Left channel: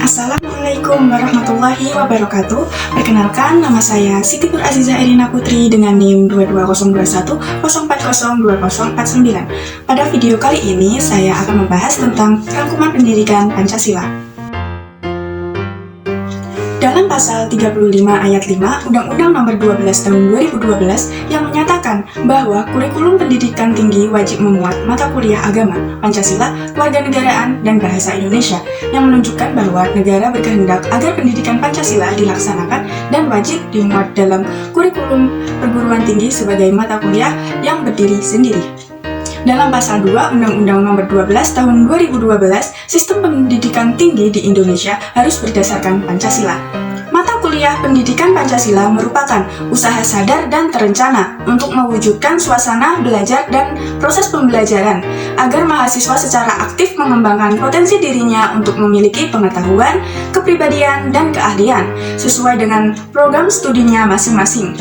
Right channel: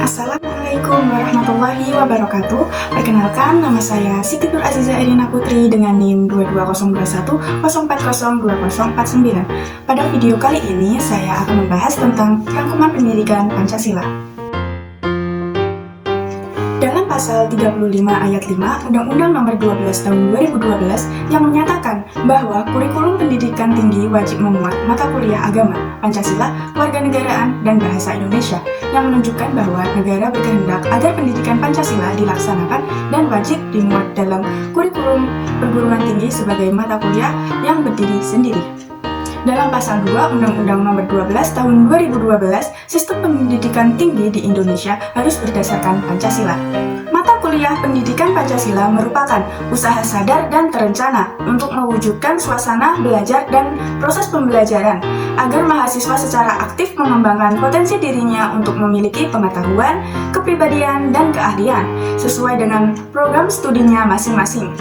Assalamualaikum warahmatullahi wabarakatuh. Perkenalkan, nama saya Siti Nur Aziza Irina Putri dengan NIM 2202104020049. Pada video kali ini, saya akan membahas tentang rangkuman pendidikan Pancasila. Dalam pasal 35 ayat 5 Undang-Undang Nomor 12 Tahun 2012 yang menyatakan bahwa kurikulum pendidikan tinggi wajib memuat mata kuliah agama, Pancasila, kewarganegaraan, dan bahasa Indonesia yang menunjukkan bahwa negara berkehendak agar pendidikan Pancasila dilaksanakan dan wajib dimuat dalam kurikulum perguruan tinggi sebagai mata kuliah yang berdiri sendiri. Dalam pasal 2 Undang-Undang Nomor 12 Tahun 2012, sistem pendidikan tinggi di Indonesia harus berdasarkan Pancasila. Mata kuliah pendidikan Pancasila merupakan usaha sadar dan terencana untuk mewujudkan suasana belajar dan proses pembelajaran agar mahasiswa secara aktif mengembangkan potensi dirinya untuk memiliki pengetahuan, kepribadian, dan keahlian sesuai dengan program studinya masing-masing.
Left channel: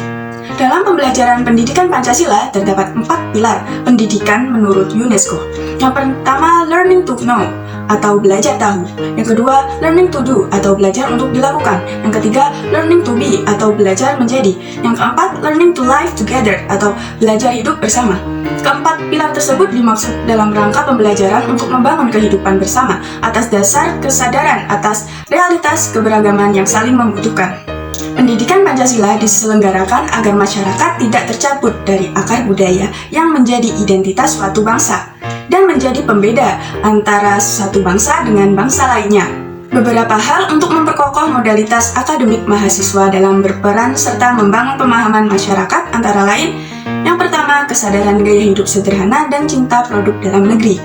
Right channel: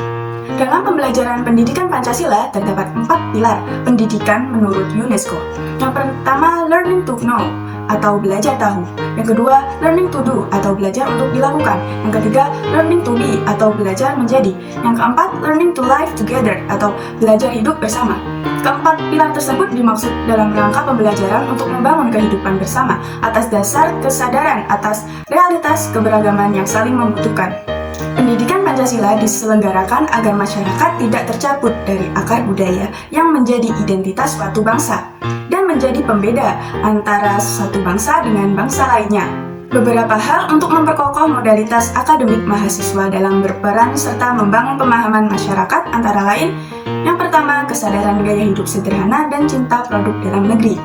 Dalam pembelajaran pendidikan Pancasila terdapat 4 pilar pendidikan menurut UNESCO. Yang pertama, learning to know atau belajar tahu. Yang kedua, learning to do atau belajar untuk dilakukan. Yang ketiga, learning to be atau belajar menjadi. Yang keempat, learning to live together atau belajar hidup bersama. Keempat pilar tersebut dimaksud dalam rangka pembelajaran untuk membangun kehidupan bersama atas dasar kesadaran atas realitas keberagaman yang saling membutuhkan. Pendidikan Pancasila diselenggarakan agar masyarakat tidak tercabut dari akar budaya yang menjadi identitas suatu bangsa dan menjadi pembeda antara satu bangsa dengan bangsa lainnya. Beberapa hal untuk memperkokoh modalitas akademik mahasiswa dalam berperan serta membangun pemahaman masyarakat antara lain: yang pertama, kesadaran gaya hidup sederhana dan cinta produk dalam negeri.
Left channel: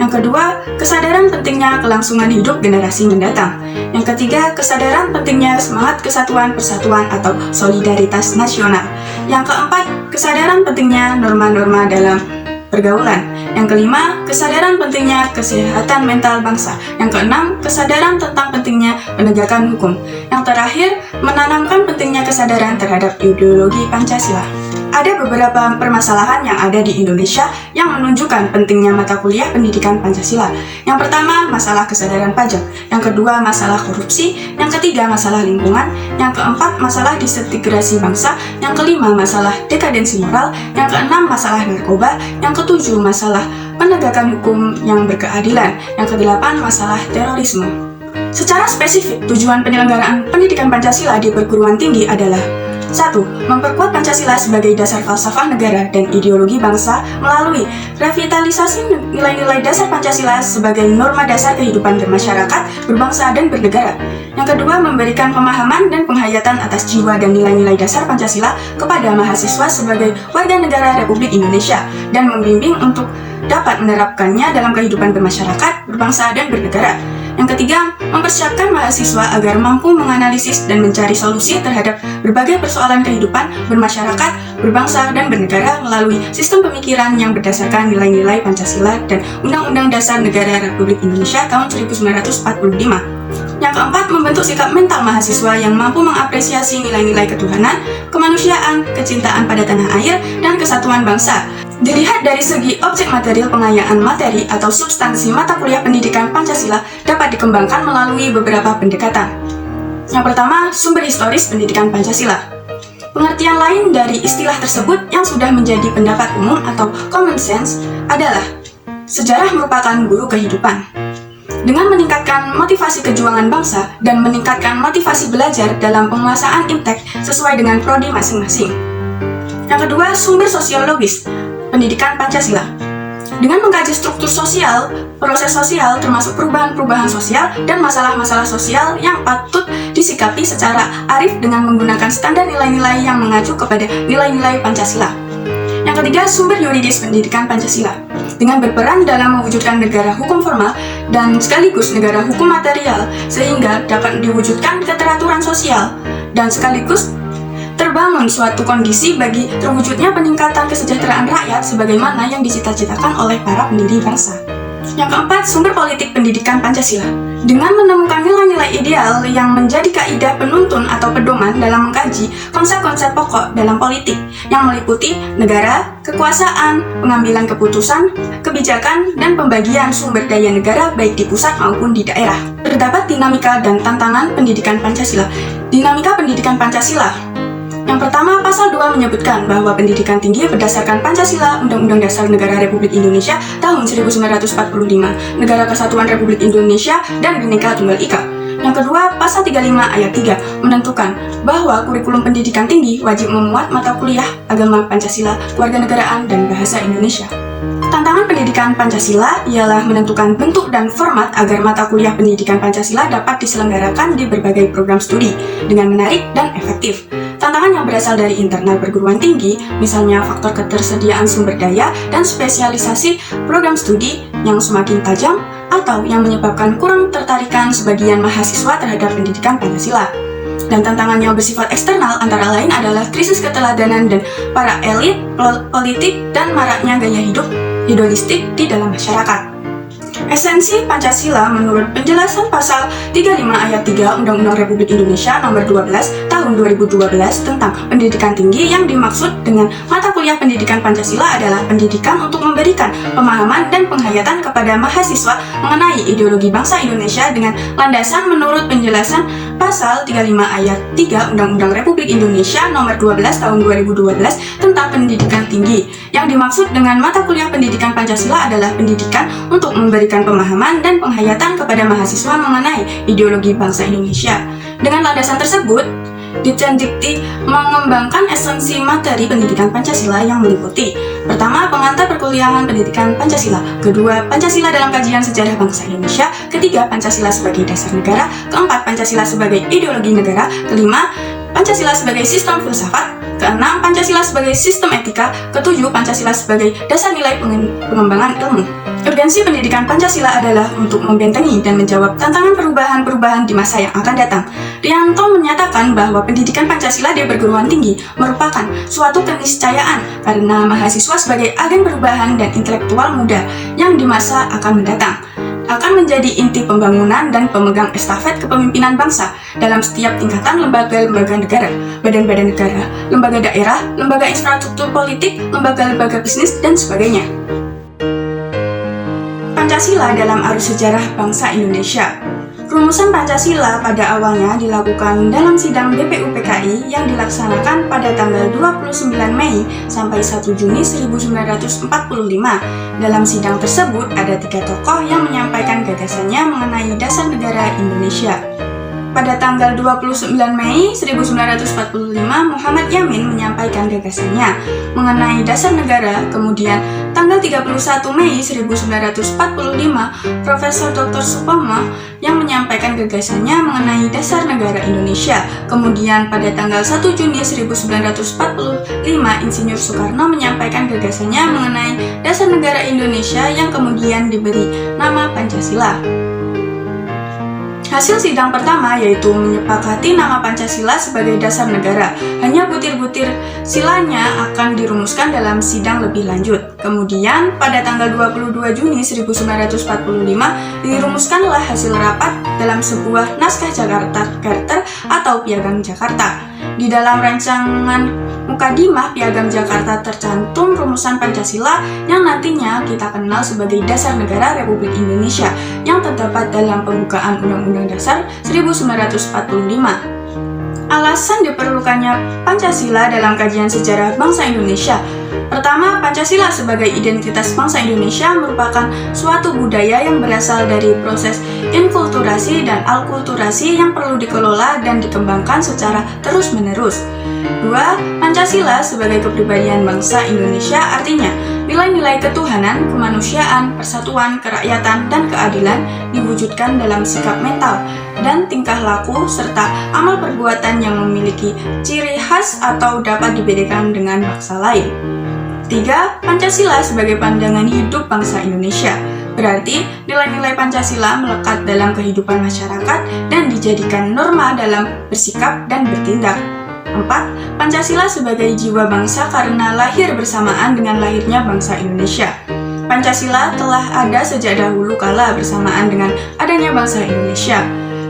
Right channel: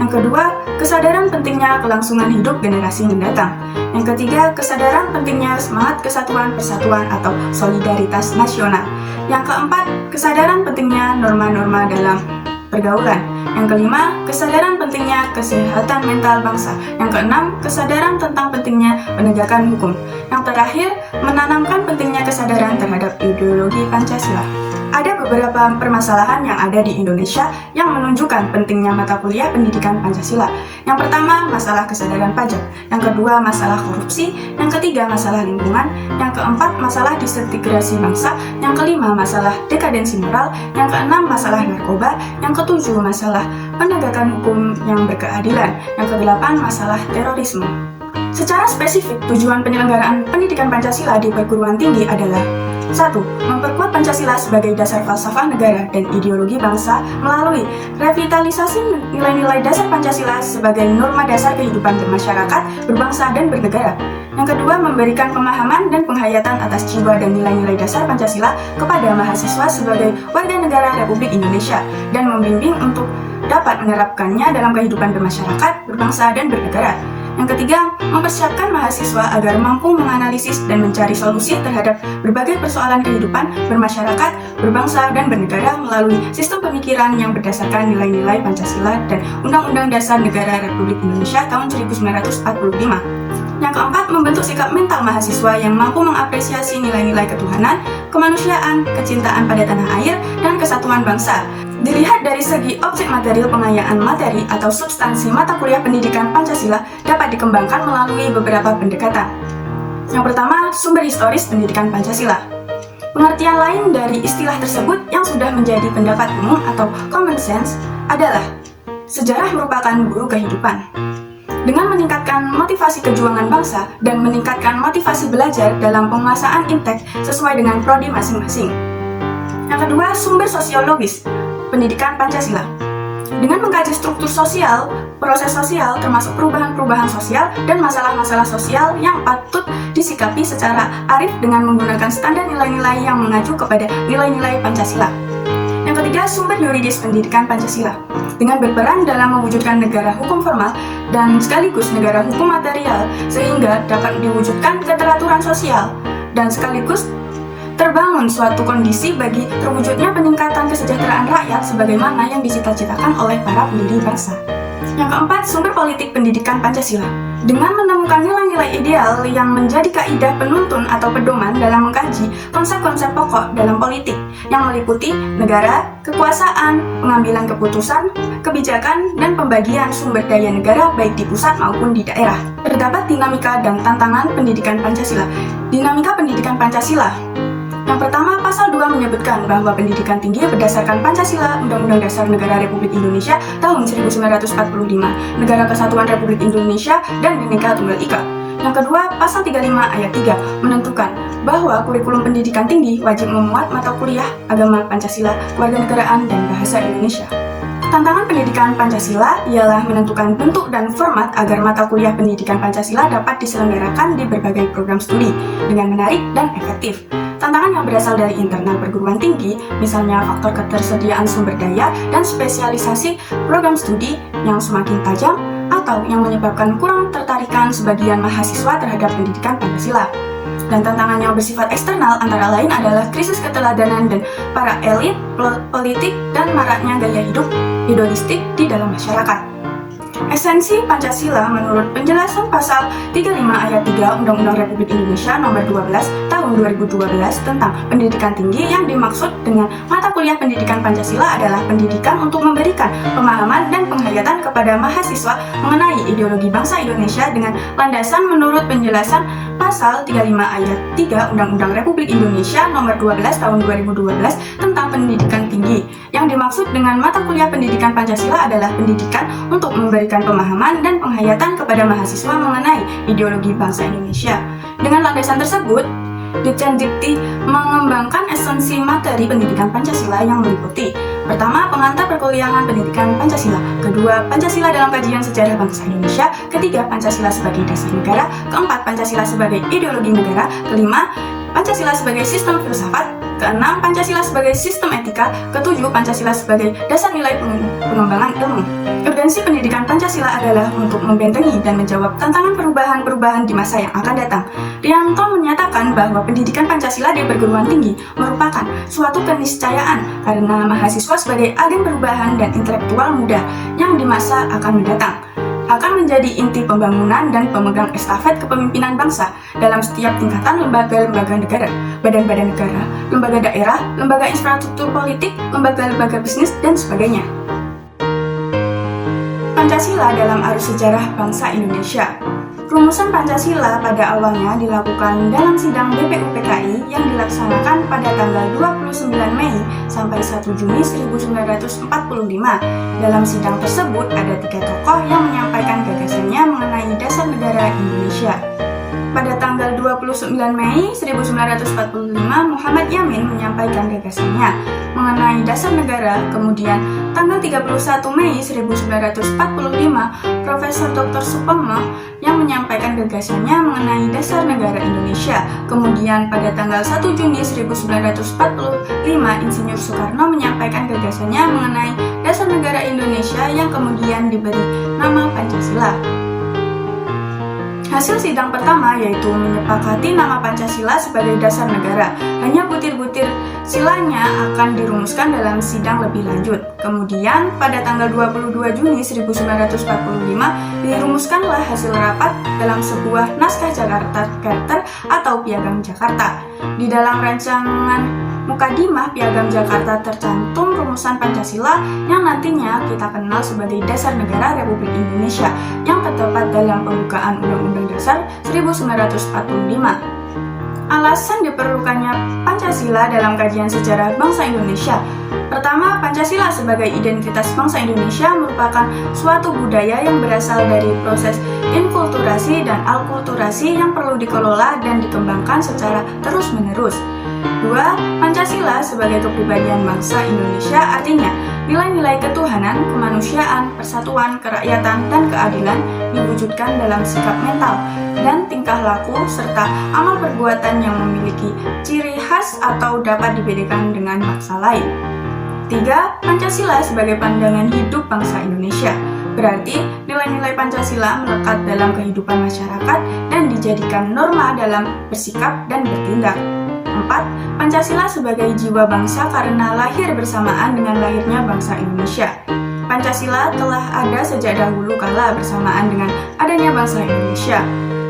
Yang kedua, kesadaran pentingnya kelangsungan hidup generasi mendatang. Yang ketiga, kesadaran pentingnya semangat kesatuan persatuan atau solidaritas nasional. Yang keempat, kesadaran pentingnya norma-norma dalam pergaulan. Yang kelima, kesadaran pentingnya kesehatan mental bangsa. Yang keenam, kesadaran tentang pentingnya penegakan hukum. Yang terakhir, menanamkan pentingnya kesadaran terhadap ideologi Pancasila. Ada beberapa permasalahan yang ada di Indonesia yang menunjukkan pentingnya mata kuliah pendidikan Pancasila. Yang pertama, masalah kesadaran pajak. Yang kedua, masalah korupsi. Yang ketiga, masalah lingkungan. Yang keempat, masalah disintegrasi bangsa. Yang kelima, masalah dekadensi moral. Yang keenam, masalah narkoba. Yang ketujuh, masalah penegakan hukum yang berkeadilan. Yang kedelapan, masalah terorisme. Secara spesifik, tujuan penyelenggaraan pendidikan Pancasila di perguruan tinggi adalah: 1. Memperkuat Pancasila sebagai dasar falsafah negara dan ideologi bangsa melalui revitalisasi nilai-nilai dasar Pancasila sebagai norma dasar kehidupan bermasyarakat, berbangsa, dan bernegara. Yang kedua, memberikan pemahaman dan penghayatan atas jiwa dan nilai-nilai dasar Pancasila kepada mahasiswa sebagai warga negara Republik Indonesia dan membimbing untuk dapat menerapkannya dalam kehidupan bermasyarakat, berbangsa, dan bernegara. Yang ketiga, mempersiapkan mahasiswa agar mampu menganalisis dan mencari solusi terhadap berbagai persoalan kehidupan bermasyarakat, berbangsa, dan bernegara melalui sistem pemikiran yang berdasarkan nilai-nilai Pancasila dan Undang-Undang Dasar Negara Republik Indonesia tahun 1945. Yang keempat, membentuk sikap mental mahasiswa yang mampu mengapresiasi nilai-nilai ketuhanan, kemanusiaan, kecintaan pada tanah air, dan kesatuan bangsa. Dilihat dari segi objek material, pengayaan materi atau substansi mata kuliah pendidikan Pancasila dapat dikembangkan melalui beberapa pendekatan. Yang pertama, sumber historis pendidikan Pancasila. Pengertian lain dari istilah tersebut yang sudah menjadi pendapat umum atau common sense adalah: sejarah merupakan guru kehidupan. Dengan meningkatkan motivasi kejuangan bangsa dan meningkatkan motivasi belajar dalam penguasaan IPTEK sesuai dengan prodi masing-masing. Yang kedua, sumber sosiologis pendidikan Pancasila. Dengan mengkaji struktur sosial, proses sosial termasuk perubahan-perubahan sosial dan masalah-masalah sosial yang patut disikapi secara arif dengan menggunakan standar nilai-nilai yang mengacu kepada nilai-nilai Pancasila. Yang ketiga, sumber yuridis pendidikan Pancasila. Dengan berperan dalam mewujudkan negara hukum formal dan sekaligus negara hukum material sehingga dapat diwujudkan keteraturan sosial dan sekaligus terbangun suatu kondisi bagi terwujudnya peningkatan kesejahteraan rakyat sebagaimana yang dicita-citakan oleh para pendiri bangsa. Yang keempat, sumber politik pendidikan Pancasila. Dengan menemukan nilai-nilai ideal yang menjadi kaidah penuntun atau pedoman dalam mengkaji konsep-konsep pokok dalam politik yang meliputi negara, kekuasaan, pengambilan keputusan, kebijakan, dan pembagian sumber daya negara baik di pusat maupun di daerah. Terdapat dinamika dan tantangan pendidikan Pancasila. Dinamika pendidikan Pancasila. Yang pertama, pasal 2 menyebutkan bahwa pendidikan tinggi berdasarkan Pancasila, Undang-Undang Dasar Negara Republik Indonesia tahun 1945, Negara Kesatuan Republik Indonesia, dan Bhinneka Tunggal Ika. Yang kedua, pasal 35 ayat 3 menentukan bahwa kurikulum pendidikan tinggi wajib memuat mata kuliah agama Pancasila, kewarganegaraan, dan bahasa Indonesia. Tantangan pendidikan Pancasila ialah menentukan bentuk dan format agar mata kuliah pendidikan Pancasila dapat diselenggarakan di berbagai program studi dengan menarik dan efektif. Tantangan yang berasal dari internal perguruan tinggi, misalnya faktor ketersediaan sumber daya dan spesialisasi program studi yang semakin tajam atau yang menyebabkan kurang tertarikan sebagian mahasiswa terhadap pendidikan Pancasila. Dan tantangan yang bersifat eksternal antara lain adalah krisis keteladanan dan para elit politik dan maraknya gaya hidup hedonistik di dalam masyarakat. Esensi Pancasila menurut penjelasan pasal 35 ayat 3 Undang-Undang Republik Indonesia nomor 12 tahun 2012 tentang pendidikan tinggi, yang dimaksud dengan mata kuliah pendidikan Pancasila adalah pendidikan untuk memberikan pemahaman dan penghayatan kepada mahasiswa mengenai ideologi bangsa Indonesia dengan landasan menurut penjelasan pasal 35 ayat 3 Undang-Undang Republik Indonesia nomor 12 tahun 2012 tentang pendidikan tinggi. Yang dimaksud dengan mata kuliah pendidikan Pancasila adalah pendidikan untuk memberikan pemahaman dan penghayatan kepada mahasiswa mengenai ideologi bangsa Indonesia. Dengan landasan tersebut, Ditjendikti mengembangkan esensi materi pendidikan Pancasila yang meliputi: pertama, pengantar perkuliahan pendidikan Pancasila; kedua, Pancasila dalam kajian sejarah bangsa Indonesia; ketiga, Pancasila sebagai dasar negara; keempat, Pancasila sebagai ideologi negara; kelima, Pancasila sebagai sistem filsafat; keenam, Pancasila sebagai sistem etika; ketujuh, Pancasila sebagai dasar nilai pengembangan ilmu. Urgensi pendidikan Pancasila adalah untuk membentengi dan menjawab tantangan perubahan-perubahan di masa yang akan datang. Rianto menyatakan bahwa pendidikan Pancasila di perguruan tinggi merupakan suatu keniscayaan karena mahasiswa sebagai agen perubahan dan intelektual muda yang di masa akan mendatang akan menjadi inti pembangunan dan pemegang estafet kepemimpinan bangsa dalam setiap tingkatan lembaga-lembaga negara, badan-badan negara, lembaga daerah, lembaga infrastruktur politik, lembaga-lembaga bisnis, dan sebagainya. Pancasila dalam arus sejarah bangsa Indonesia. Rumusan Pancasila pada awalnya dilakukan dalam sidang BPUPKI yang dilaksanakan pada tanggal 29 Mei sampai 1 Juni 1945. Dalam sidang tersebut ada 3 tokoh yang menyampaikan gagasannya mengenai dasar negara Indonesia. Pada tanggal 29 Mei 1945, Muhammad Yamin menyampaikan gagasannya mengenai dasar negara. Kemudian, tanggal 31 Mei 1945, Profesor Dr. Supomo yang menyampaikan gagasannya mengenai dasar negara Indonesia. Kemudian, pada tanggal 1 Juni 1945, Insinyur Soekarno menyampaikan gagasannya mengenai dasar negara Indonesia yang kemudian diberi nama Pancasila. Hasil sidang pertama yaitu menyepakati nama Pancasila sebagai dasar negara. Hanya butir-butir silanya akan dirumuskan dalam sidang lebih lanjut. Kemudian pada tanggal 22 Juni 1945 dirumuskanlah hasil rapat dalam sebuah naskah Jakarta Charter atau Piagam Jakarta. Di dalam rancangan Mukadimah Piagam Jakarta tercantum rumusan Pancasila yang nantinya kita kenal sebagai Dasar Negara Republik Indonesia yang terdapat dalam pembukaan Undang-Undang Dasar 1945. Alasan diperlukannya Pancasila dalam kajian sejarah bangsa Indonesia. Pertama, Pancasila sebagai identitas bangsa Indonesia merupakan suatu budaya yang berasal dari proses inkulturasi dan alkulturasi yang perlu dikelola dan dikembangkan secara terus-menerus. Dua, Pancasila sebagai kepribadian bangsa Indonesia artinya nilai-nilai ketuhanan, kemanusiaan, persatuan, kerakyatan, dan keadilan diwujudkan dalam sikap mental dan tingkah laku serta amal perbuatan yang memiliki ciri khas atau dapat dibedakan dengan bangsa lain. 3. Pancasila sebagai pandangan hidup bangsa Indonesia. Berarti nilai-nilai Pancasila melekat dalam kehidupan masyarakat dan dijadikan norma dalam bersikap dan bertindak. 4. Pancasila sebagai jiwa bangsa karena lahir bersamaan dengan lahirnya bangsa Indonesia. Pancasila telah ada sejak dahulu kala bersamaan dengan adanya bangsa Indonesia.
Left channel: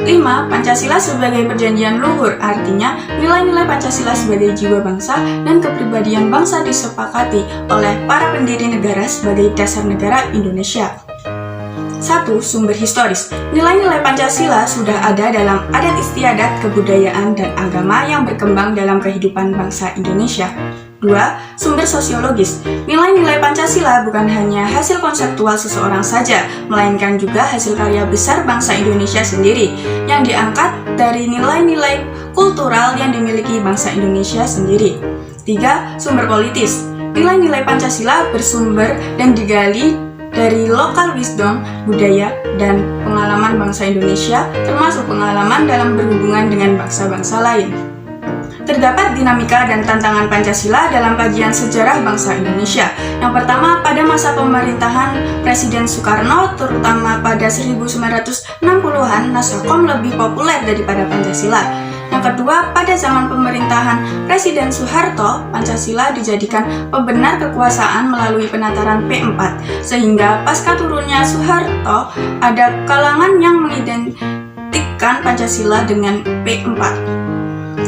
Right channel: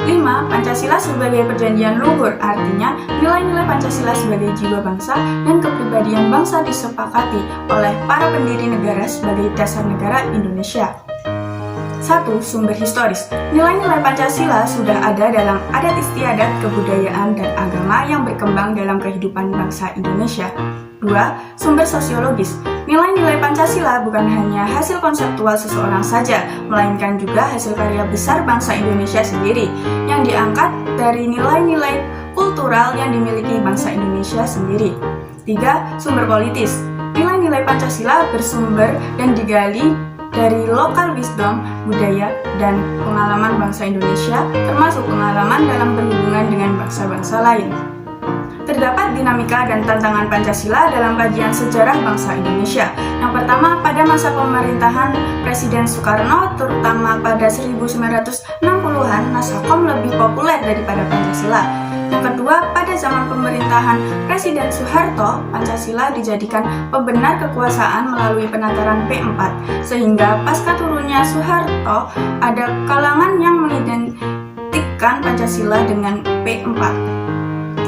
5. Pancasila sebagai perjanjian luhur, artinya nilai-nilai Pancasila sebagai jiwa bangsa dan kepribadian bangsa disepakati oleh para pendiri negara sebagai dasar negara Indonesia. 1. Sumber historis. Nilai-nilai Pancasila sudah ada dalam adat istiadat, kebudayaan, dan agama yang berkembang dalam kehidupan bangsa Indonesia. 2. Sumber sosiologis. Nilai-nilai Pancasila bukan hanya hasil konseptual seseorang saja, melainkan juga hasil karya besar bangsa Indonesia sendiri, yang diangkat dari nilai-nilai kultural yang dimiliki bangsa Indonesia sendiri. 3. Sumber politis. Nilai-nilai Pancasila bersumber dan digali dari lokal wisdom, budaya, dan pengalaman bangsa Indonesia, termasuk pengalaman dalam berhubungan dengan bangsa-bangsa lain. Terdapat dinamika dan tantangan Pancasila dalam kajian sejarah bangsa Indonesia. Yang pertama, pada masa pemerintahan Presiden Soekarno, terutama pada 1960-an, naskah Kom lebih populer daripada Pancasila. Yang kedua, pada zaman pemerintahan Presiden Soeharto, Pancasila dijadikan pembenar kekuasaan melalui penataran P4, sehingga pasca turunnya Soeharto, ada kalangan yang mengidentikan Pancasila dengan P4.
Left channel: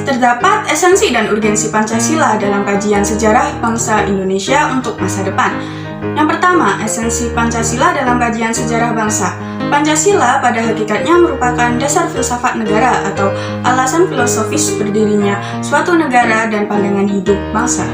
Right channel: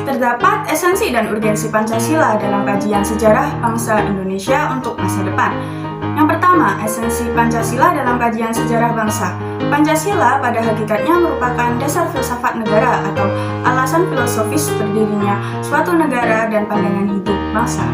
Terdapat esensi dan urgensi Pancasila dalam kajian sejarah bangsa Indonesia untuk masa depan. Yang pertama, esensi Pancasila dalam kajian sejarah bangsa. Pancasila pada hakikatnya merupakan dasar filsafat negara atau alasan filosofis berdirinya suatu negara dan pandangan hidup bangsa.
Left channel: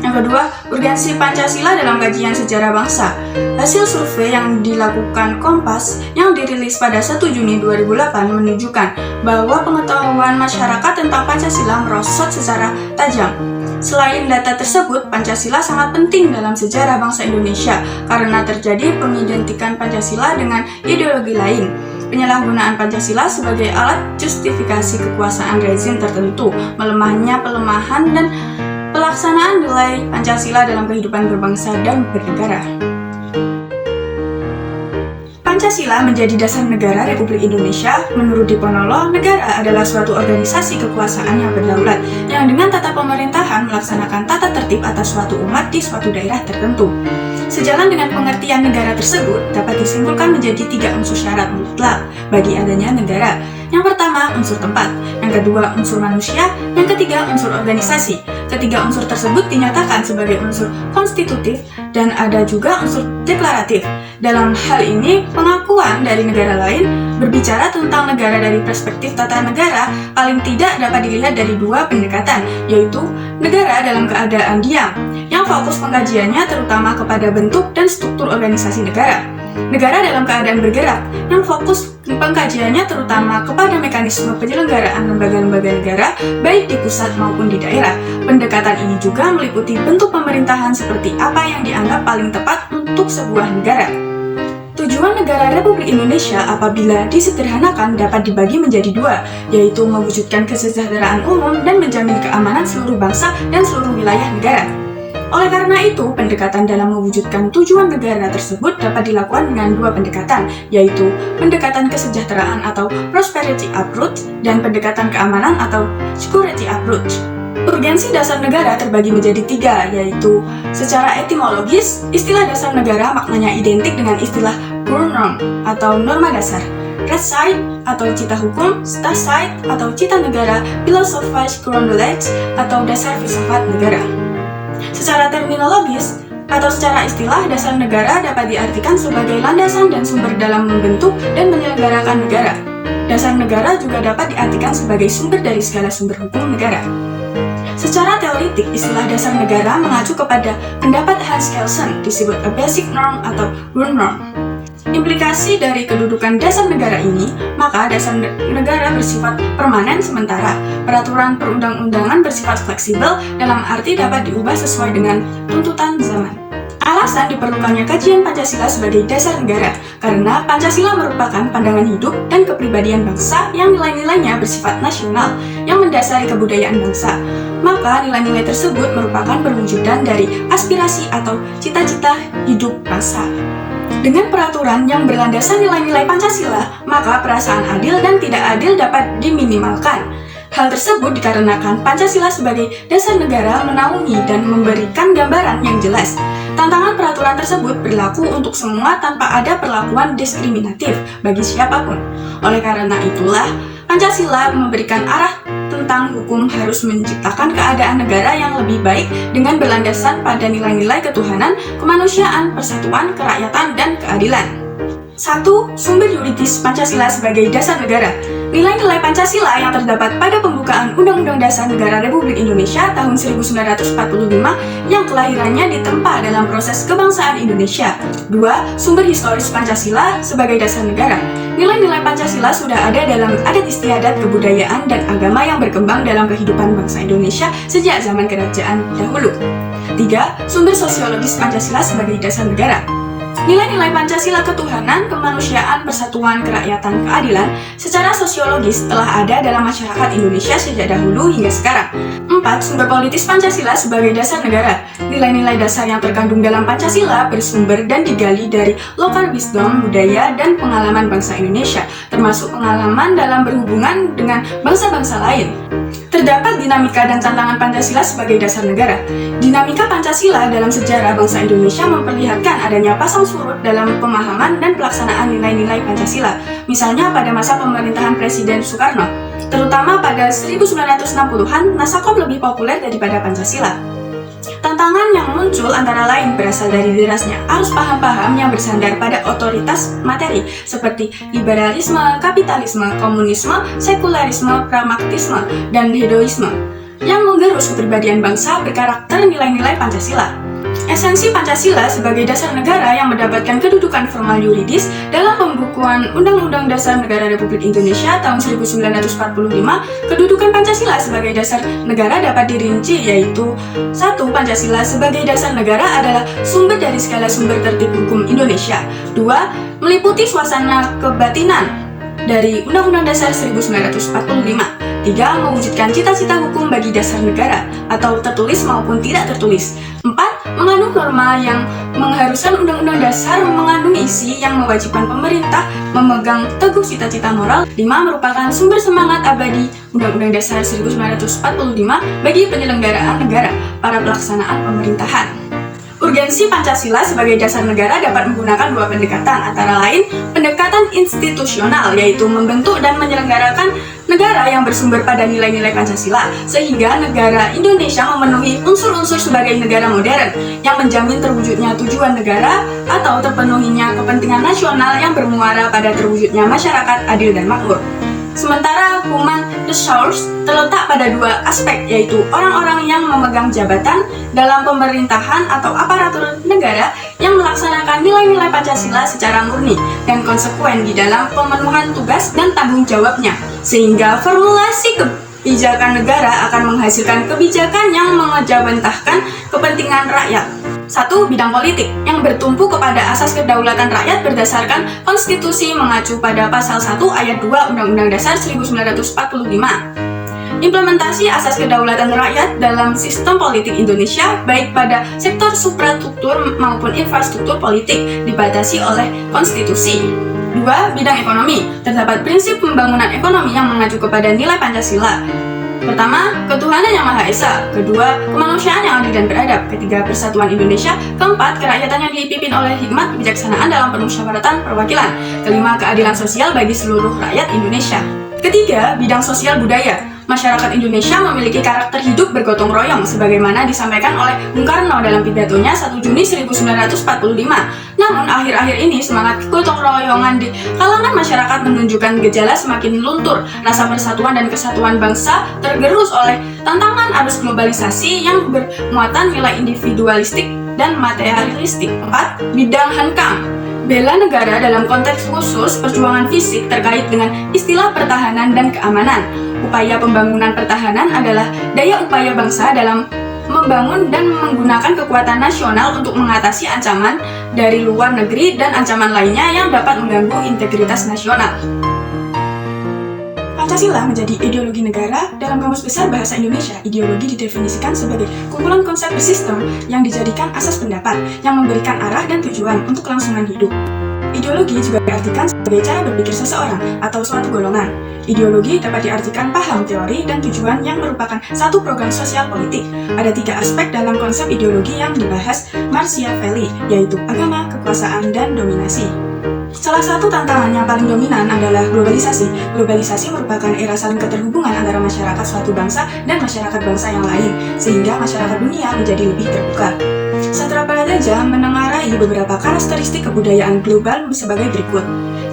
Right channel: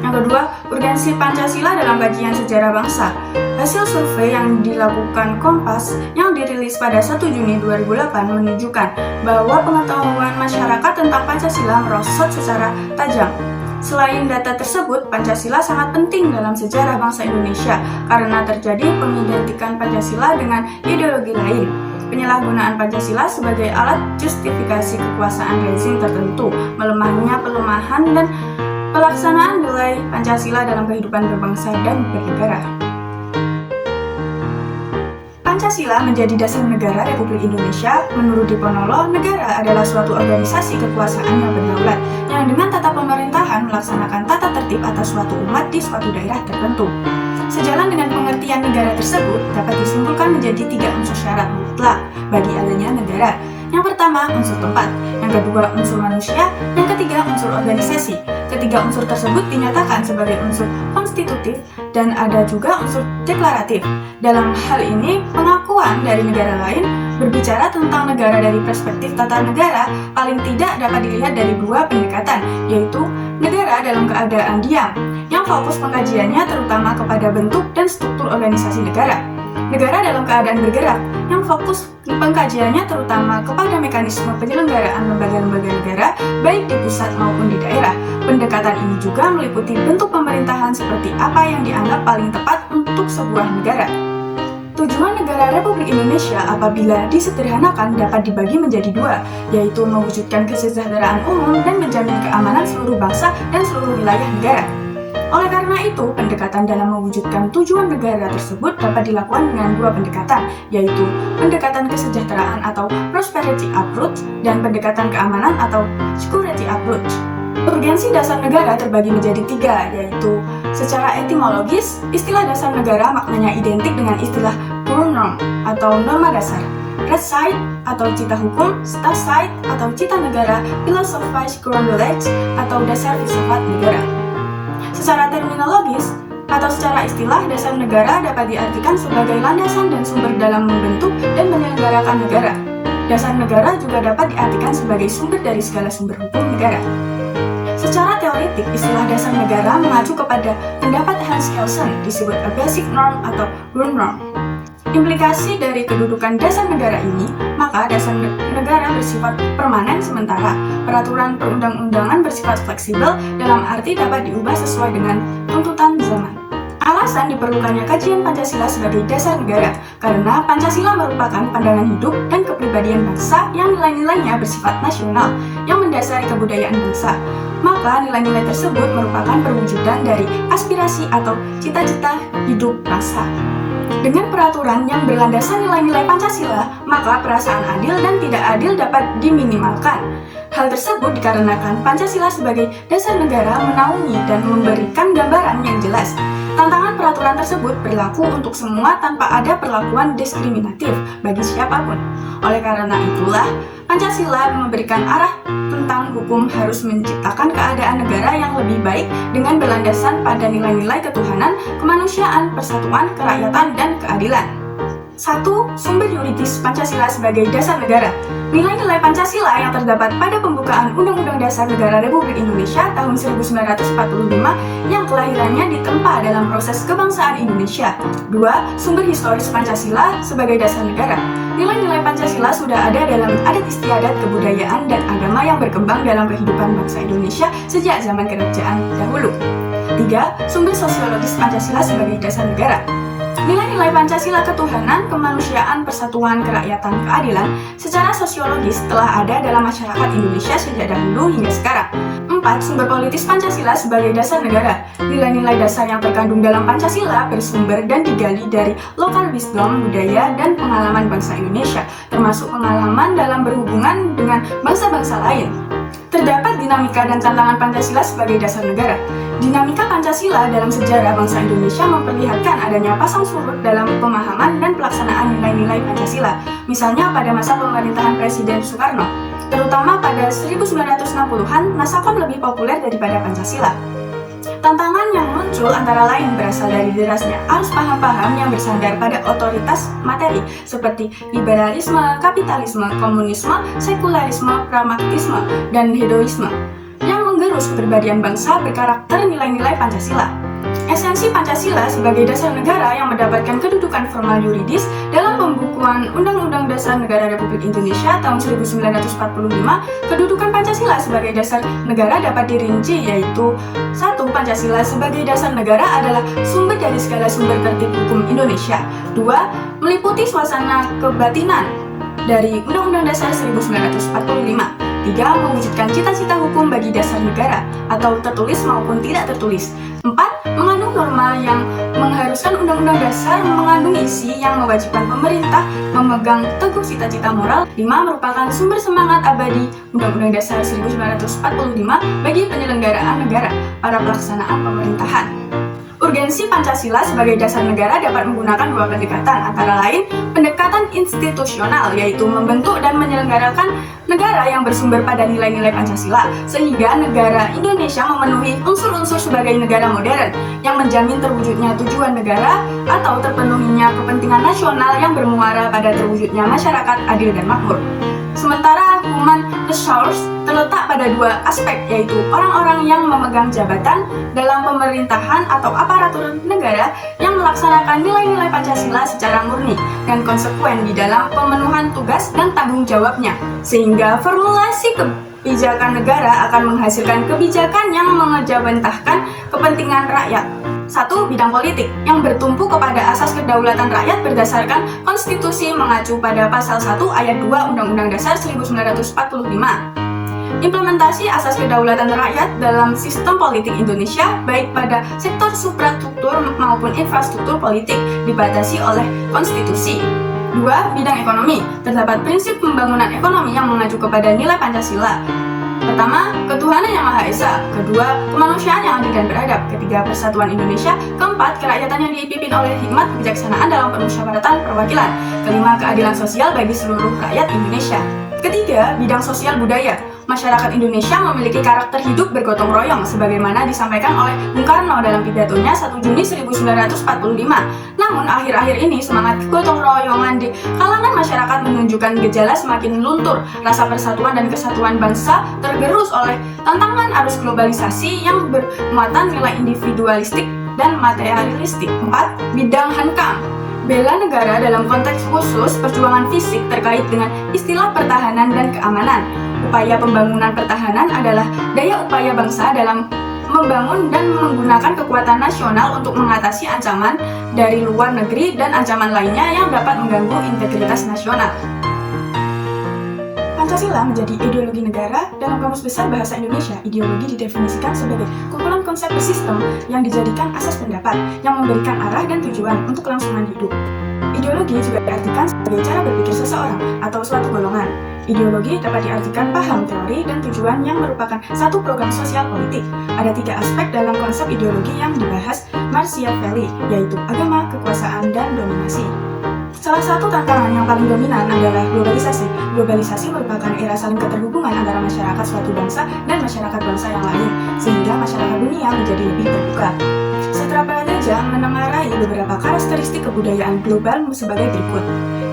Yang kedua, urgensi Pancasila dalam kajian sejarah bangsa. Hasil survei yang dilakukan Kompas yang dirilis pada 1 Juni 2008 menunjukkan bahwa pengetahuan masyarakat tentang Pancasila merosot secara tajam. Selain data tersebut, Pancasila sangat penting dalam sejarah bangsa Indonesia karena terjadi pengidentikan Pancasila dengan ideologi lain. Penyalahgunaan Pancasila sebagai alat justifikasi kekuasaan rezim tertentu, melemahnya pelemahan dan pelaksanaan nilai Pancasila dalam kehidupan berbangsa dan bernegara. Pancasila menjadi dasar negara Republik Indonesia. Menurut Diponolo, negara adalah suatu organisasi kekuasaan yang berdaulat, yang dengan tata pemerintahan melaksanakan tata tertib atas suatu umat di suatu daerah tertentu. Sejalan dengan pengertian negara tersebut, dapat disimpulkan menjadi 3 unsur syarat mutlak bagi adanya negara. Yang pertama, unsur tempat. Yang kedua, unsur manusia. Yang ketiga, unsur organisasi. Ketiga unsur tersebut dinyatakan sebagai unsur konstitutif dan ada juga unsur deklaratif. Dalam hal ini, pengakuan dari negara lain berbicara tentang negara dari perspektif tata negara paling tidak dapat dilihat dari 2 pendekatan, yaitu negara dalam keadaan diam, yang fokus pengkajiannya terutama kepada bentuk dan struktur organisasi negara. Negara dalam keadaan bergerak, yang fokus pengkajiannya terutama kepada mekanisme penyelenggaraan lembaga-lembaga negara, baik di pusat maupun di daerah. Pendekatan ini juga meliputi bentuk pemerintahan seperti apa yang dianggap paling tepat untuk sebuah negara. Tujuan negara Republik Indonesia apabila disederhanakan dapat dibagi menjadi 2, yaitu mewujudkan kesejahteraan umum dan menjamin keamanan seluruh bangsa dan seluruh wilayah negara. Oleh karena itu, pendekatan dalam mewujudkan tujuan negara tersebut dapat dilakukan dengan 2 pendekatan, yaitu pendekatan kesejahteraan atau prosperity approach dan pendekatan keamanan atau security approach. Urgensi dasar negara terbagi menjadi 3, yaitu secara etimologis, istilah dasar negara maknanya identik dengan istilah Grundnorm atau norma dasar, Rechtsstaat atau cita hukum, Staatsrecht atau cita negara, Philosophische Grundgesetz atau dasar filsafat negara. Secara terminologis atau secara istilah, dasar negara dapat diartikan sebagai landasan dan sumber dalam membentuk dan menyelenggarakan negara. Dasar negara juga dapat diartikan sebagai sumber dari segala sumber hukum negara. Secara teoritik, istilah dasar negara mengacu kepada pendapat Hans Kelsen disebut a basic norm atau Grundnorm. Implikasi dari kedudukan dasar negara ini, maka dasar negara bersifat permanen sementara. Peraturan perundang-undangan bersifat fleksibel dalam arti dapat diubah sesuai dengan tuntutan zaman. Alasan diperlukannya kajian Pancasila sebagai dasar negara, karena Pancasila merupakan pandangan hidup dan kepribadian bangsa yang nilai-nilainya bersifat nasional, yang mendasari kebudayaan bangsa. Maka nilai-nilai tersebut merupakan perwujudan dari aspirasi atau cita-cita hidup bangsa. Dengan peraturan yang berlandaskan nilai-nilai Pancasila, maka perasaan adil dan tidak adil dapat diminimalkan. Hal tersebut dikarenakan Pancasila sebagai dasar negara menaungi dan memberikan gambaran yang jelas. Tantangan peraturan tersebut berlaku untuk semua tanpa ada perlakuan diskriminatif bagi siapapun. Oleh karena itulah, Pancasila memberikan arah tentang hukum harus menciptakan keadaan negara yang lebih baik dengan berlandaskan pada nilai-nilai ketuhanan, kemanusiaan, persatuan, kerakyatan, dan keadilan. 1. Sumber yuridis Pancasila sebagai dasar negara. Nilai-nilai Pancasila yang terdapat pada pembukaan Undang-Undang Dasar Negara Republik Indonesia tahun 1945 yang kelahirannya ditempa dalam proses kebangsaan Indonesia. 2. Sumber historis Pancasila sebagai dasar negara. Nilai-nilai Pancasila sudah ada dalam adat istiadat, kebudayaan, dan agama yang berkembang dalam kehidupan bangsa Indonesia sejak zaman kerajaan dahulu. 3. Sumber sosiologis Pancasila sebagai dasar negara. Nilai-nilai Pancasila ketuhanan, kemanusiaan, persatuan, kerakyatan, keadilan secara sosiologis telah ada dalam masyarakat Indonesia sejak dahulu hingga sekarang. 4. Sumber politis Pancasila sebagai dasar negara. Nilai-nilai dasar yang terkandung dalam Pancasila bersumber dan digali dari lokal wisdom, budaya, dan pengalaman bangsa Indonesia, termasuk pengalaman dalam berhubungan dengan bangsa-bangsa lain. Terdapat dinamika dan tantangan Pancasila sebagai dasar negara. Dinamika Pancasila dalam sejarah bangsa Indonesia memperlihatkan adanya pasang surut dalam pemahaman dan pelaksanaan nilai-nilai Pancasila. Misalnya pada masa pemerintahan Presiden Soekarno, terutama pada 1960-an, Nasakom lebih populer daripada Pancasila. Tantangan yang muncul antara lain berasal dari derasnya arus paham-paham yang bersandar pada otoritas materi seperti liberalisme, kapitalisme, komunisme, sekularisme, pragmatisme, dan hedonisme yang menggerus kepribadian bangsa berkarakter nilai-nilai Pancasila. Esensi Pancasila sebagai dasar negara yang mendapatkan kedudukan formal yuridis dalam pembukuan Undang-Undang Dasar Negara Republik Indonesia tahun 1945, kedudukan Pancasila sebagai dasar negara dapat dirinci yaitu 1. Pancasila sebagai dasar negara adalah sumber dari segala sumber tertib hukum Indonesia. 2. Meliputi suasana kebatinan dari Undang-Undang Dasar 1945. 3. Mewujudkan cita-cita hukum bagi dasar negara atau tertulis maupun tidak tertulis. 4. Mengandung norma yang mengharuskan Undang-Undang Dasar mengandung isi yang mewajibkan pemerintah memegang teguh cita-cita moral. 5. Merupakan sumber semangat abadi Undang-Undang Dasar 1945 bagi penyelenggaraan negara pada pelaksanaan pemerintahan. Urgensi Pancasila sebagai dasar negara dapat menggunakan dua pendekatan, antara lain pendekatan institusional, yaitu membentuk dan menyelenggarakan negara yang bersumber pada nilai-nilai Pancasila, sehingga negara Indonesia memenuhi unsur-unsur sebagai negara modern yang menjamin terwujudnya tujuan negara atau terpenuhinya kepentingan nasional yang bermuara pada terwujudnya masyarakat adil dan makmur. Sementara human resource terletak pada dua aspek, yaitu orang-orang yang memegang jabatan dalam pemerintahan atau aparatur negara yang melaksanakan nilai-nilai Pancasila secara murni dan konsekuen di dalam pemenuhan tugas dan tanggung jawabnya, sehingga formulasi kebijakan negara akan menghasilkan kebijakan yang mengejawantahkan kepentingan rakyat. 1. Bidang politik yang bertumpu kepada asas kedaulatan rakyat berdasarkan konstitusi mengacu pada pasal 1 ayat 2 Undang-Undang Dasar 1945. Implementasi asas kedaulatan rakyat dalam sistem politik Indonesia baik pada sektor suprastruktur maupun infrastruktur politik dibatasi oleh konstitusi. 2. Bidang ekonomi. Terdapat prinsip pembangunan ekonomi yang mengacu kepada nilai Pancasila. Pertama, ketuhanan yang Maha Esa. Kedua, kemanusiaan yang adil dan beradab. Ketiga, persatuan Indonesia. Keempat, kerakyatan yang dipimpin oleh hikmat kebijaksanaan dalam permusyawaratan perwakilan. Kelima, keadilan sosial bagi seluruh rakyat Indonesia. Ketiga, bidang sosial budaya. Masyarakat Indonesia memiliki karakter hidup bergotong royong sebagaimana disampaikan oleh Bung Karno dalam pidatonya 1 Juni 1945. Namun akhir-akhir ini semangat gotong royongan di kalangan masyarakat menunjukkan gejala semakin luntur. Rasa persatuan dan kesatuan bangsa tergerus oleh tantangan arus globalisasi yang bermuatan nilai individualistik dan materialistik. 4. Bidang hankam. Bela negara dalam konteks khusus perjuangan fisik terkait dengan istilah pertahanan dan keamanan. Upaya pembangunan pertahanan adalah daya upaya bangsa dalam membangun dan menggunakan kekuatan nasional untuk mengatasi ancaman dari luar negeri dan ancaman lainnya yang dapat mengganggu integritas nasional. Pancasila menjadi ideologi negara. Dalam Kamus Besar Bahasa Indonesia, ideologi didefinisikan sebagai kumpulan konsep bersistem yang dijadikan asas pendapat yang memberikan arah dan tujuan untuk kelangsungan hidup. Ideologi juga diartikan sebagai sebagai cara berpikir seseorang atau suatu golongan. Ideologi dapat diartikan paham, teori, dan tujuan yang merupakan satu program sosial politik. Ada 3 aspek dalam konsep ideologi yang dibahas Machiavelli, yaitu agama, kekuasaan, dan dominasi. Salah satu tantangan yang paling dominan adalah globalisasi. Globalisasi merupakan era saling keterhubungan antara masyarakat suatu bangsa dan masyarakat bangsa yang lain, sehingga masyarakat dunia menjadi lebih terbuka. Sastra Prajaja menengarai beberapa karakteristik kebudayaan global sebagai berikut.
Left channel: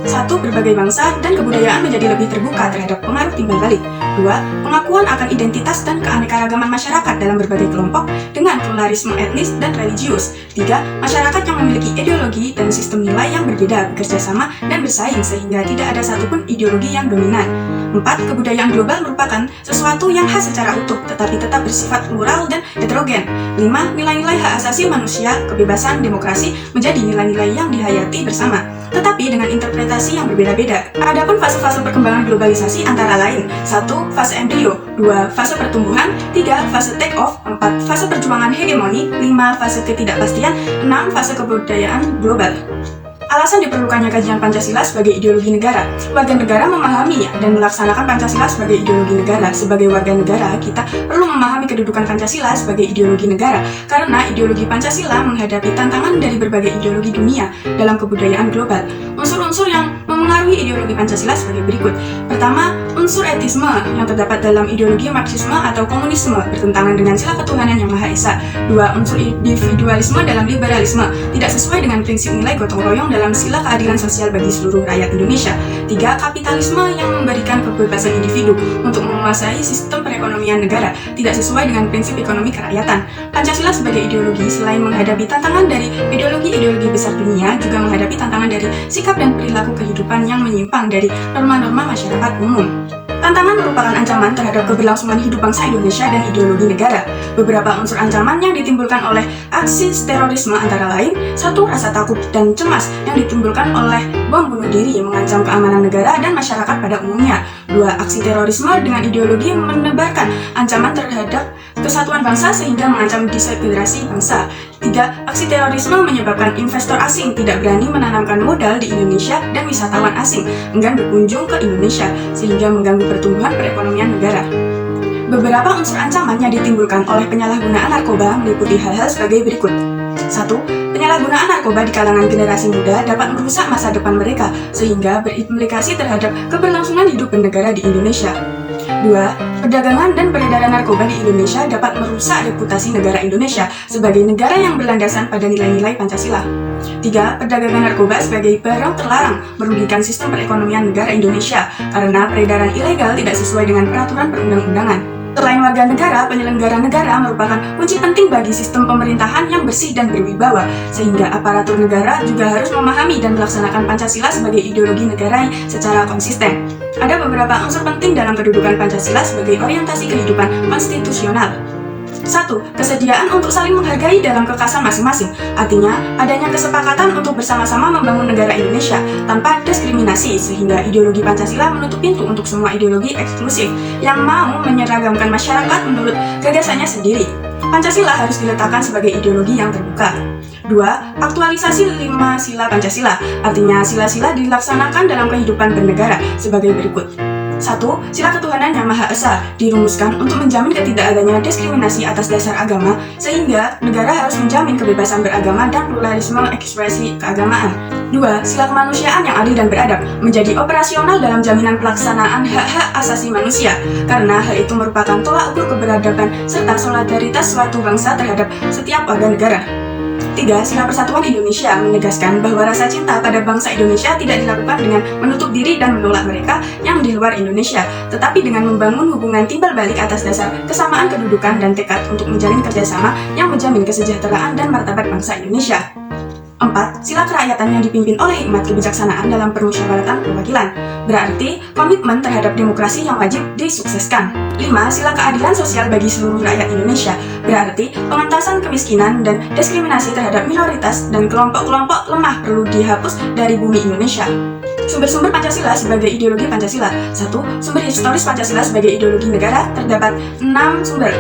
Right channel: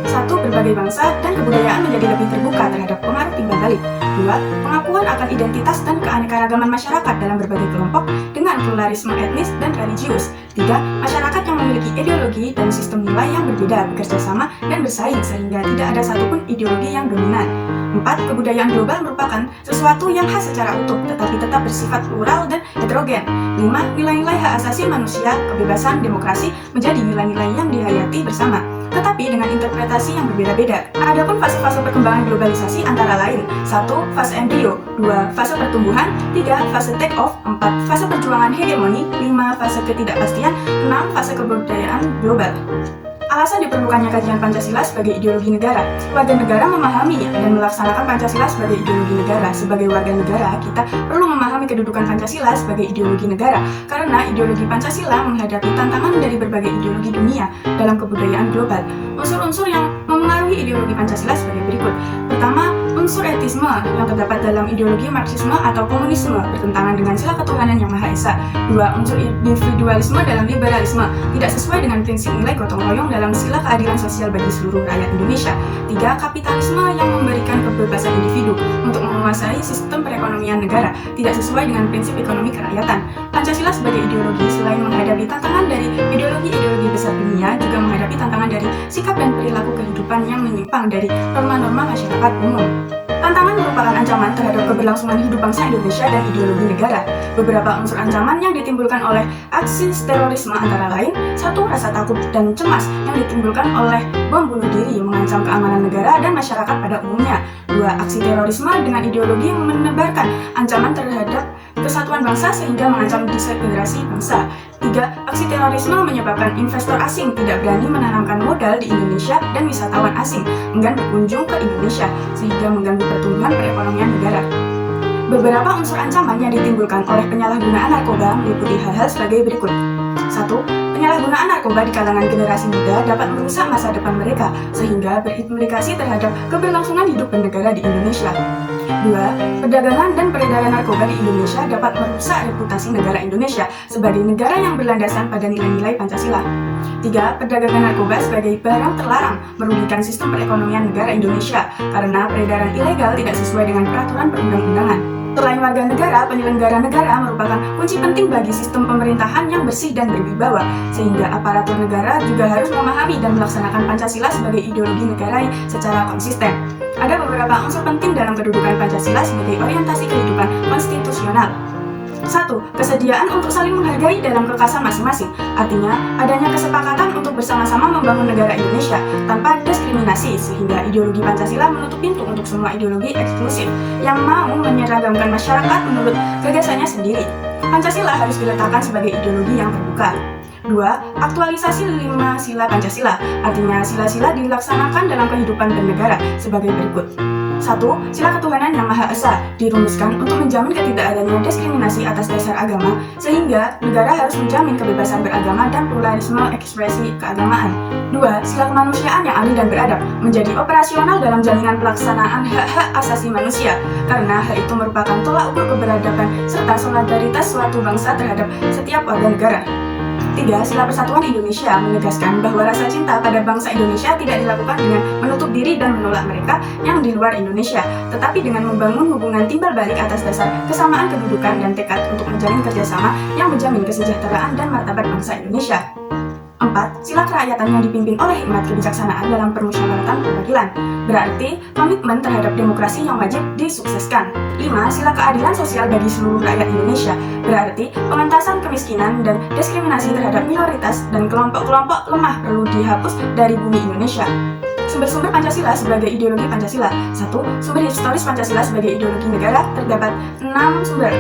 1. Berbagai bangsa dan kebudayaan menjadi lebih terbuka terhadap pengaruh timbal balik. 2. Pengakuan akan identitas dan keanekaragaman masyarakat dalam berbagai kelompok dengan pluralisme etnis dan religius. 3. Masyarakat yang memiliki ideologi dan sistem nilai yang berbeda, bekerja sama dan bersaing sehingga tidak ada satupun ideologi yang dominan. 4. Kebudayaan global merupakan sesuatu yang khas secara utuh tetapi tetap bersifat plural dan heterogen. 5. Nilai-nilai hak asasi manusia, kebebasan, demokrasi menjadi nilai-nilai yang dihayati bersama, tetapi dengan interpretasi yang berbeda-beda. Adapun fase-fase perkembangan globalisasi antara lain: 1. Fase embrio, 2. Fase pertumbuhan, 3. Fase take off, 4. Fase perjuangan hegemoni, 5. Fase ketidakpastian, 6. Fase kebudayaan global. Alasan diperlukannya kajian Pancasila sebagai ideologi negara. Warga negara memahami dan melaksanakan Pancasila sebagai ideologi negara. Sebagai warga negara, kita perlu memahami kedudukan Pancasila sebagai ideologi negara, karena ideologi Pancasila menghadapi tantangan dari berbagai ideologi dunia dalam kebudayaan global. Unsur-unsur yang memengaruhi ideologi Pancasila sebagai berikut. Pertama, unsur etisme yang terdapat dalam ideologi Marxisme atau komunisme bertentangan dengan sila ketuhanan yang Maha Esa. 2. Unsur individualisme dalam liberalisme tidak sesuai dengan prinsip nilai gotong royong dalam sila keadilan sosial bagi seluruh rakyat Indonesia. 3. Kapitalisme yang memberikan kebebasan individu untuk menguasai sistem perekonomian negara tidak sesuai dengan prinsip ekonomi kerakyatan. Pancasila sebagai ideologi selain menghadapi tantangan dari ideologi-ideologi besar dunia, juga menghadapi tantangan dari sikap dan perilaku kehidupan yang menyimpang dari norma-norma masyarakat umum. Tantangan merupakan ancaman terhadap keberlangsungan hidup bangsa Indonesia dan ideologi negara. Beberapa unsur ancaman yang ditimbulkan oleh aksi terorisme antara lain: 1. Rasa takut dan cemas yang ditimbulkan oleh bom bunuh diri mengancam keamanan negara dan masyarakat pada umumnya. 2. Aksi terorisme dengan ideologi menebarkan ancaman terhadap kesatuan bangsa sehingga mengancam disintegrasi bangsa. 3. Aksi terorisme menyebabkan investor asing tidak berani menanamkan modal di Indonesia dan wisatawan asing enggan berkunjung ke Indonesia sehingga mengganggu pertumbuhan perekonomian negara. Beberapa unsur ancaman yang ditimbulkan oleh penyalahgunaan narkoba meliputi hal-hal sebagai berikut. 1. Penyalahgunaan narkoba di kalangan generasi muda dapat merusak masa depan mereka sehingga berimplikasi terhadap keberlangsungan hidup bernegara di Indonesia. 2. Perdagangan dan peredaran narkoba di Indonesia dapat merusak reputasi negara Indonesia sebagai negara yang berlandasan pada nilai-nilai Pancasila. 3. Perdagangan narkoba sebagai barang terlarang merugikan sistem perekonomian negara Indonesia karena peredaran ilegal tidak sesuai dengan peraturan perundang-undangan. Selain warga negara, penyelenggara negara merupakan kunci penting bagi sistem pemerintahan yang bersih dan berwibawa, sehingga aparatur negara juga harus memahami dan melaksanakan Pancasila sebagai ideologi negara secara konsisten. Ada beberapa unsur penting dalam kedudukan Pancasila sebagai orientasi kehidupan konstitusional. 1. Kesediaan untuk saling menghargai dalam kekasan masing-masing. Artinya, adanya kesepakatan untuk bersama-sama membangun negara Indonesia tanpa diskriminasi, sehingga ideologi Pancasila menutup pintu untuk semua ideologi eksklusif yang mau menyeragamkan masyarakat menurut gagasannya sendiri. Pancasila harus diletakkan sebagai ideologi yang terbuka. 2. Aktualisasi 5 sila Pancasila. Artinya, sila-sila dilaksanakan dalam kehidupan bernegara sebagai berikut. 1. Sila ketuhanan yang Maha Esa dirumuskan untuk menjamin ketidakadanya diskriminasi atas dasar agama, sehingga negara harus menjamin kebebasan beragama dan pluralisme ekspresi keagamaan. 2. Sila kemanusiaan yang adil dan beradab menjadi operasional dalam jaminan pelaksanaan hak-hak asasi manusia, karena hal itu merupakan tolak ukur keberadaban serta solidaritas suatu bangsa terhadap setiap warga negara. 3. Sila Persatuan Indonesia menegaskan bahwa rasa cinta pada bangsa Indonesia tidak dilakukan dengan menutup diri dan menolak mereka yang di luar Indonesia, tetapi dengan membangun hubungan timbal balik atas dasar kesamaan kedudukan dan tekad untuk menjalin kerjasama yang menjamin kesejahteraan dan martabat bangsa Indonesia. 4. Sila kerakyatan yang dipimpin oleh hikmat kebijaksanaan dalam permusyawaratan perwakilan, berarti komitmen terhadap demokrasi yang wajib disukseskan. 5. Sila keadilan sosial bagi seluruh rakyat Indonesia, berarti pengentasan kemiskinan dan diskriminasi terhadap minoritas dan kelompok-kelompok lemah perlu dihapus dari bumi Indonesia. Sumber-sumber Pancasila sebagai ideologi Pancasila. 1. Sumber historis Pancasila sebagai ideologi negara terdapat 6 sumber,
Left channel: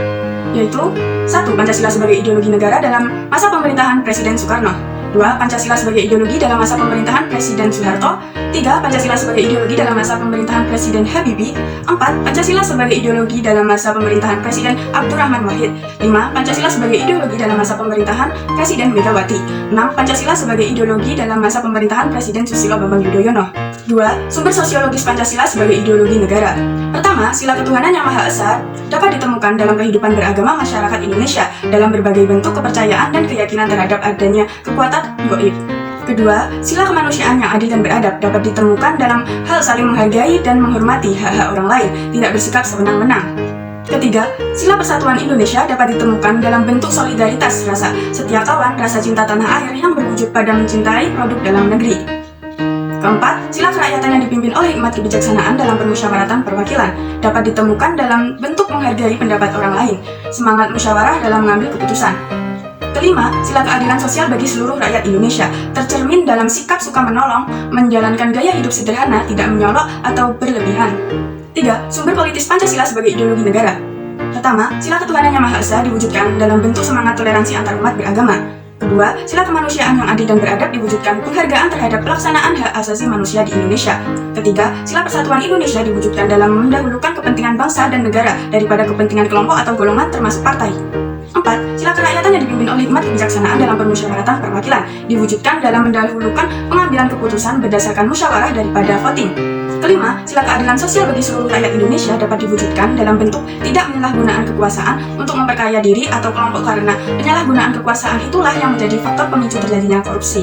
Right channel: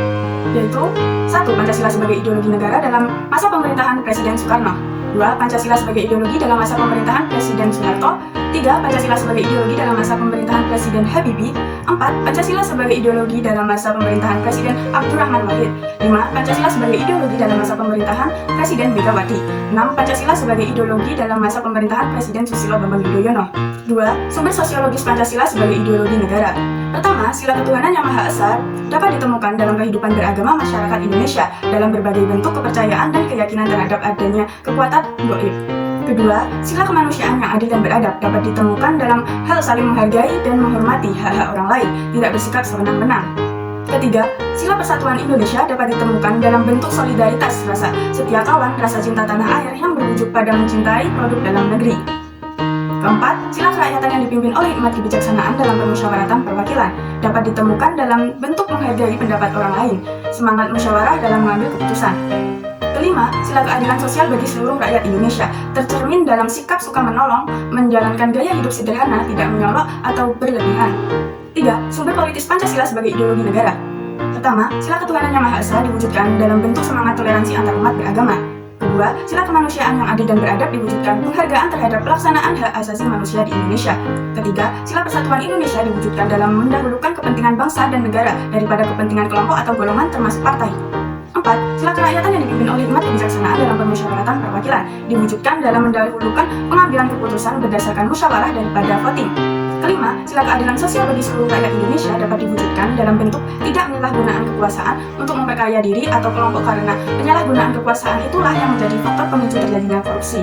yaitu 1. Pancasila sebagai ideologi negara dalam masa pemerintahan Presiden Soekarno. 2. Pancasila sebagai ideologi dalam masa pemerintahan Presiden Soeharto. 3. Pancasila sebagai ideologi dalam masa pemerintahan Presiden Habibie. 4. Pancasila sebagai ideologi dalam masa pemerintahan Presiden Abdurrahman Wahid. 5. Pancasila sebagai ideologi dalam masa pemerintahan Presiden Megawati. 6. Pancasila sebagai ideologi dalam masa pemerintahan Presiden Susilo Bambang Yudhoyono. 2. Sumber sosiologis Pancasila sebagai ideologi negara. Pertama, sila ketuhanan yang Maha Esa dapat ditemukan dalam kehidupan beragama masyarakat Indonesia dalam berbagai bentuk kepercayaan dan keyakinan terhadap adanya kekuatan gaib. Kedua, sila kemanusiaan yang adil dan beradab dapat ditemukan dalam hal saling menghargai dan menghormati hak-hak orang lain, tidak bersikap sewenang-wenang. Ketiga, sila persatuan Indonesia dapat ditemukan dalam bentuk solidaritas rasa setia kawan, rasa cinta tanah air yang berwujud pada mencintai produk dalam negeri. Keempat, sila kerakyatan yang dipimpin oleh hikmat kebijaksanaan dalam permusyawaratan perwakilan dapat ditemukan dalam bentuk menghargai pendapat orang lain, semangat musyawarah dalam mengambil keputusan. Kelima, sila keadilan sosial bagi seluruh rakyat Indonesia tercermin dalam sikap suka menolong, menjalankan gaya hidup sederhana, tidak menyolok atau berlebihan. 3. Sumber politis Pancasila sebagai ideologi negara. Pertama, sila ketuhanan yang Maha Esa diwujudkan dalam bentuk semangat toleransi antar umat beragama. Kedua, sila kemanusiaan yang adil dan beradab diwujudkan penghargaan terhadap pelaksanaan hak asasi manusia di Indonesia. Ketiga, sila persatuan Indonesia diwujudkan dalam mendahulukan kepentingan bangsa dan negara daripada kepentingan kelompok atau golongan termasuk partai. 4. Sila kerakyatan yang dipimpin oleh hikmat kebijaksanaan dalam permusyawaratan perwakilan diwujudkan dalam mendahulukan pengambilan keputusan berdasarkan musyawarah daripada voting. Kelima, sila keadilan sosial bagi seluruh rakyat Indonesia dapat diwujudkan dalam bentuk tidak penyalahgunaan kekuasaan untuk memperkaya diri atau kelompok karena penyalahgunaan kekuasaan itulah yang menjadi faktor pemicu terjadinya korupsi.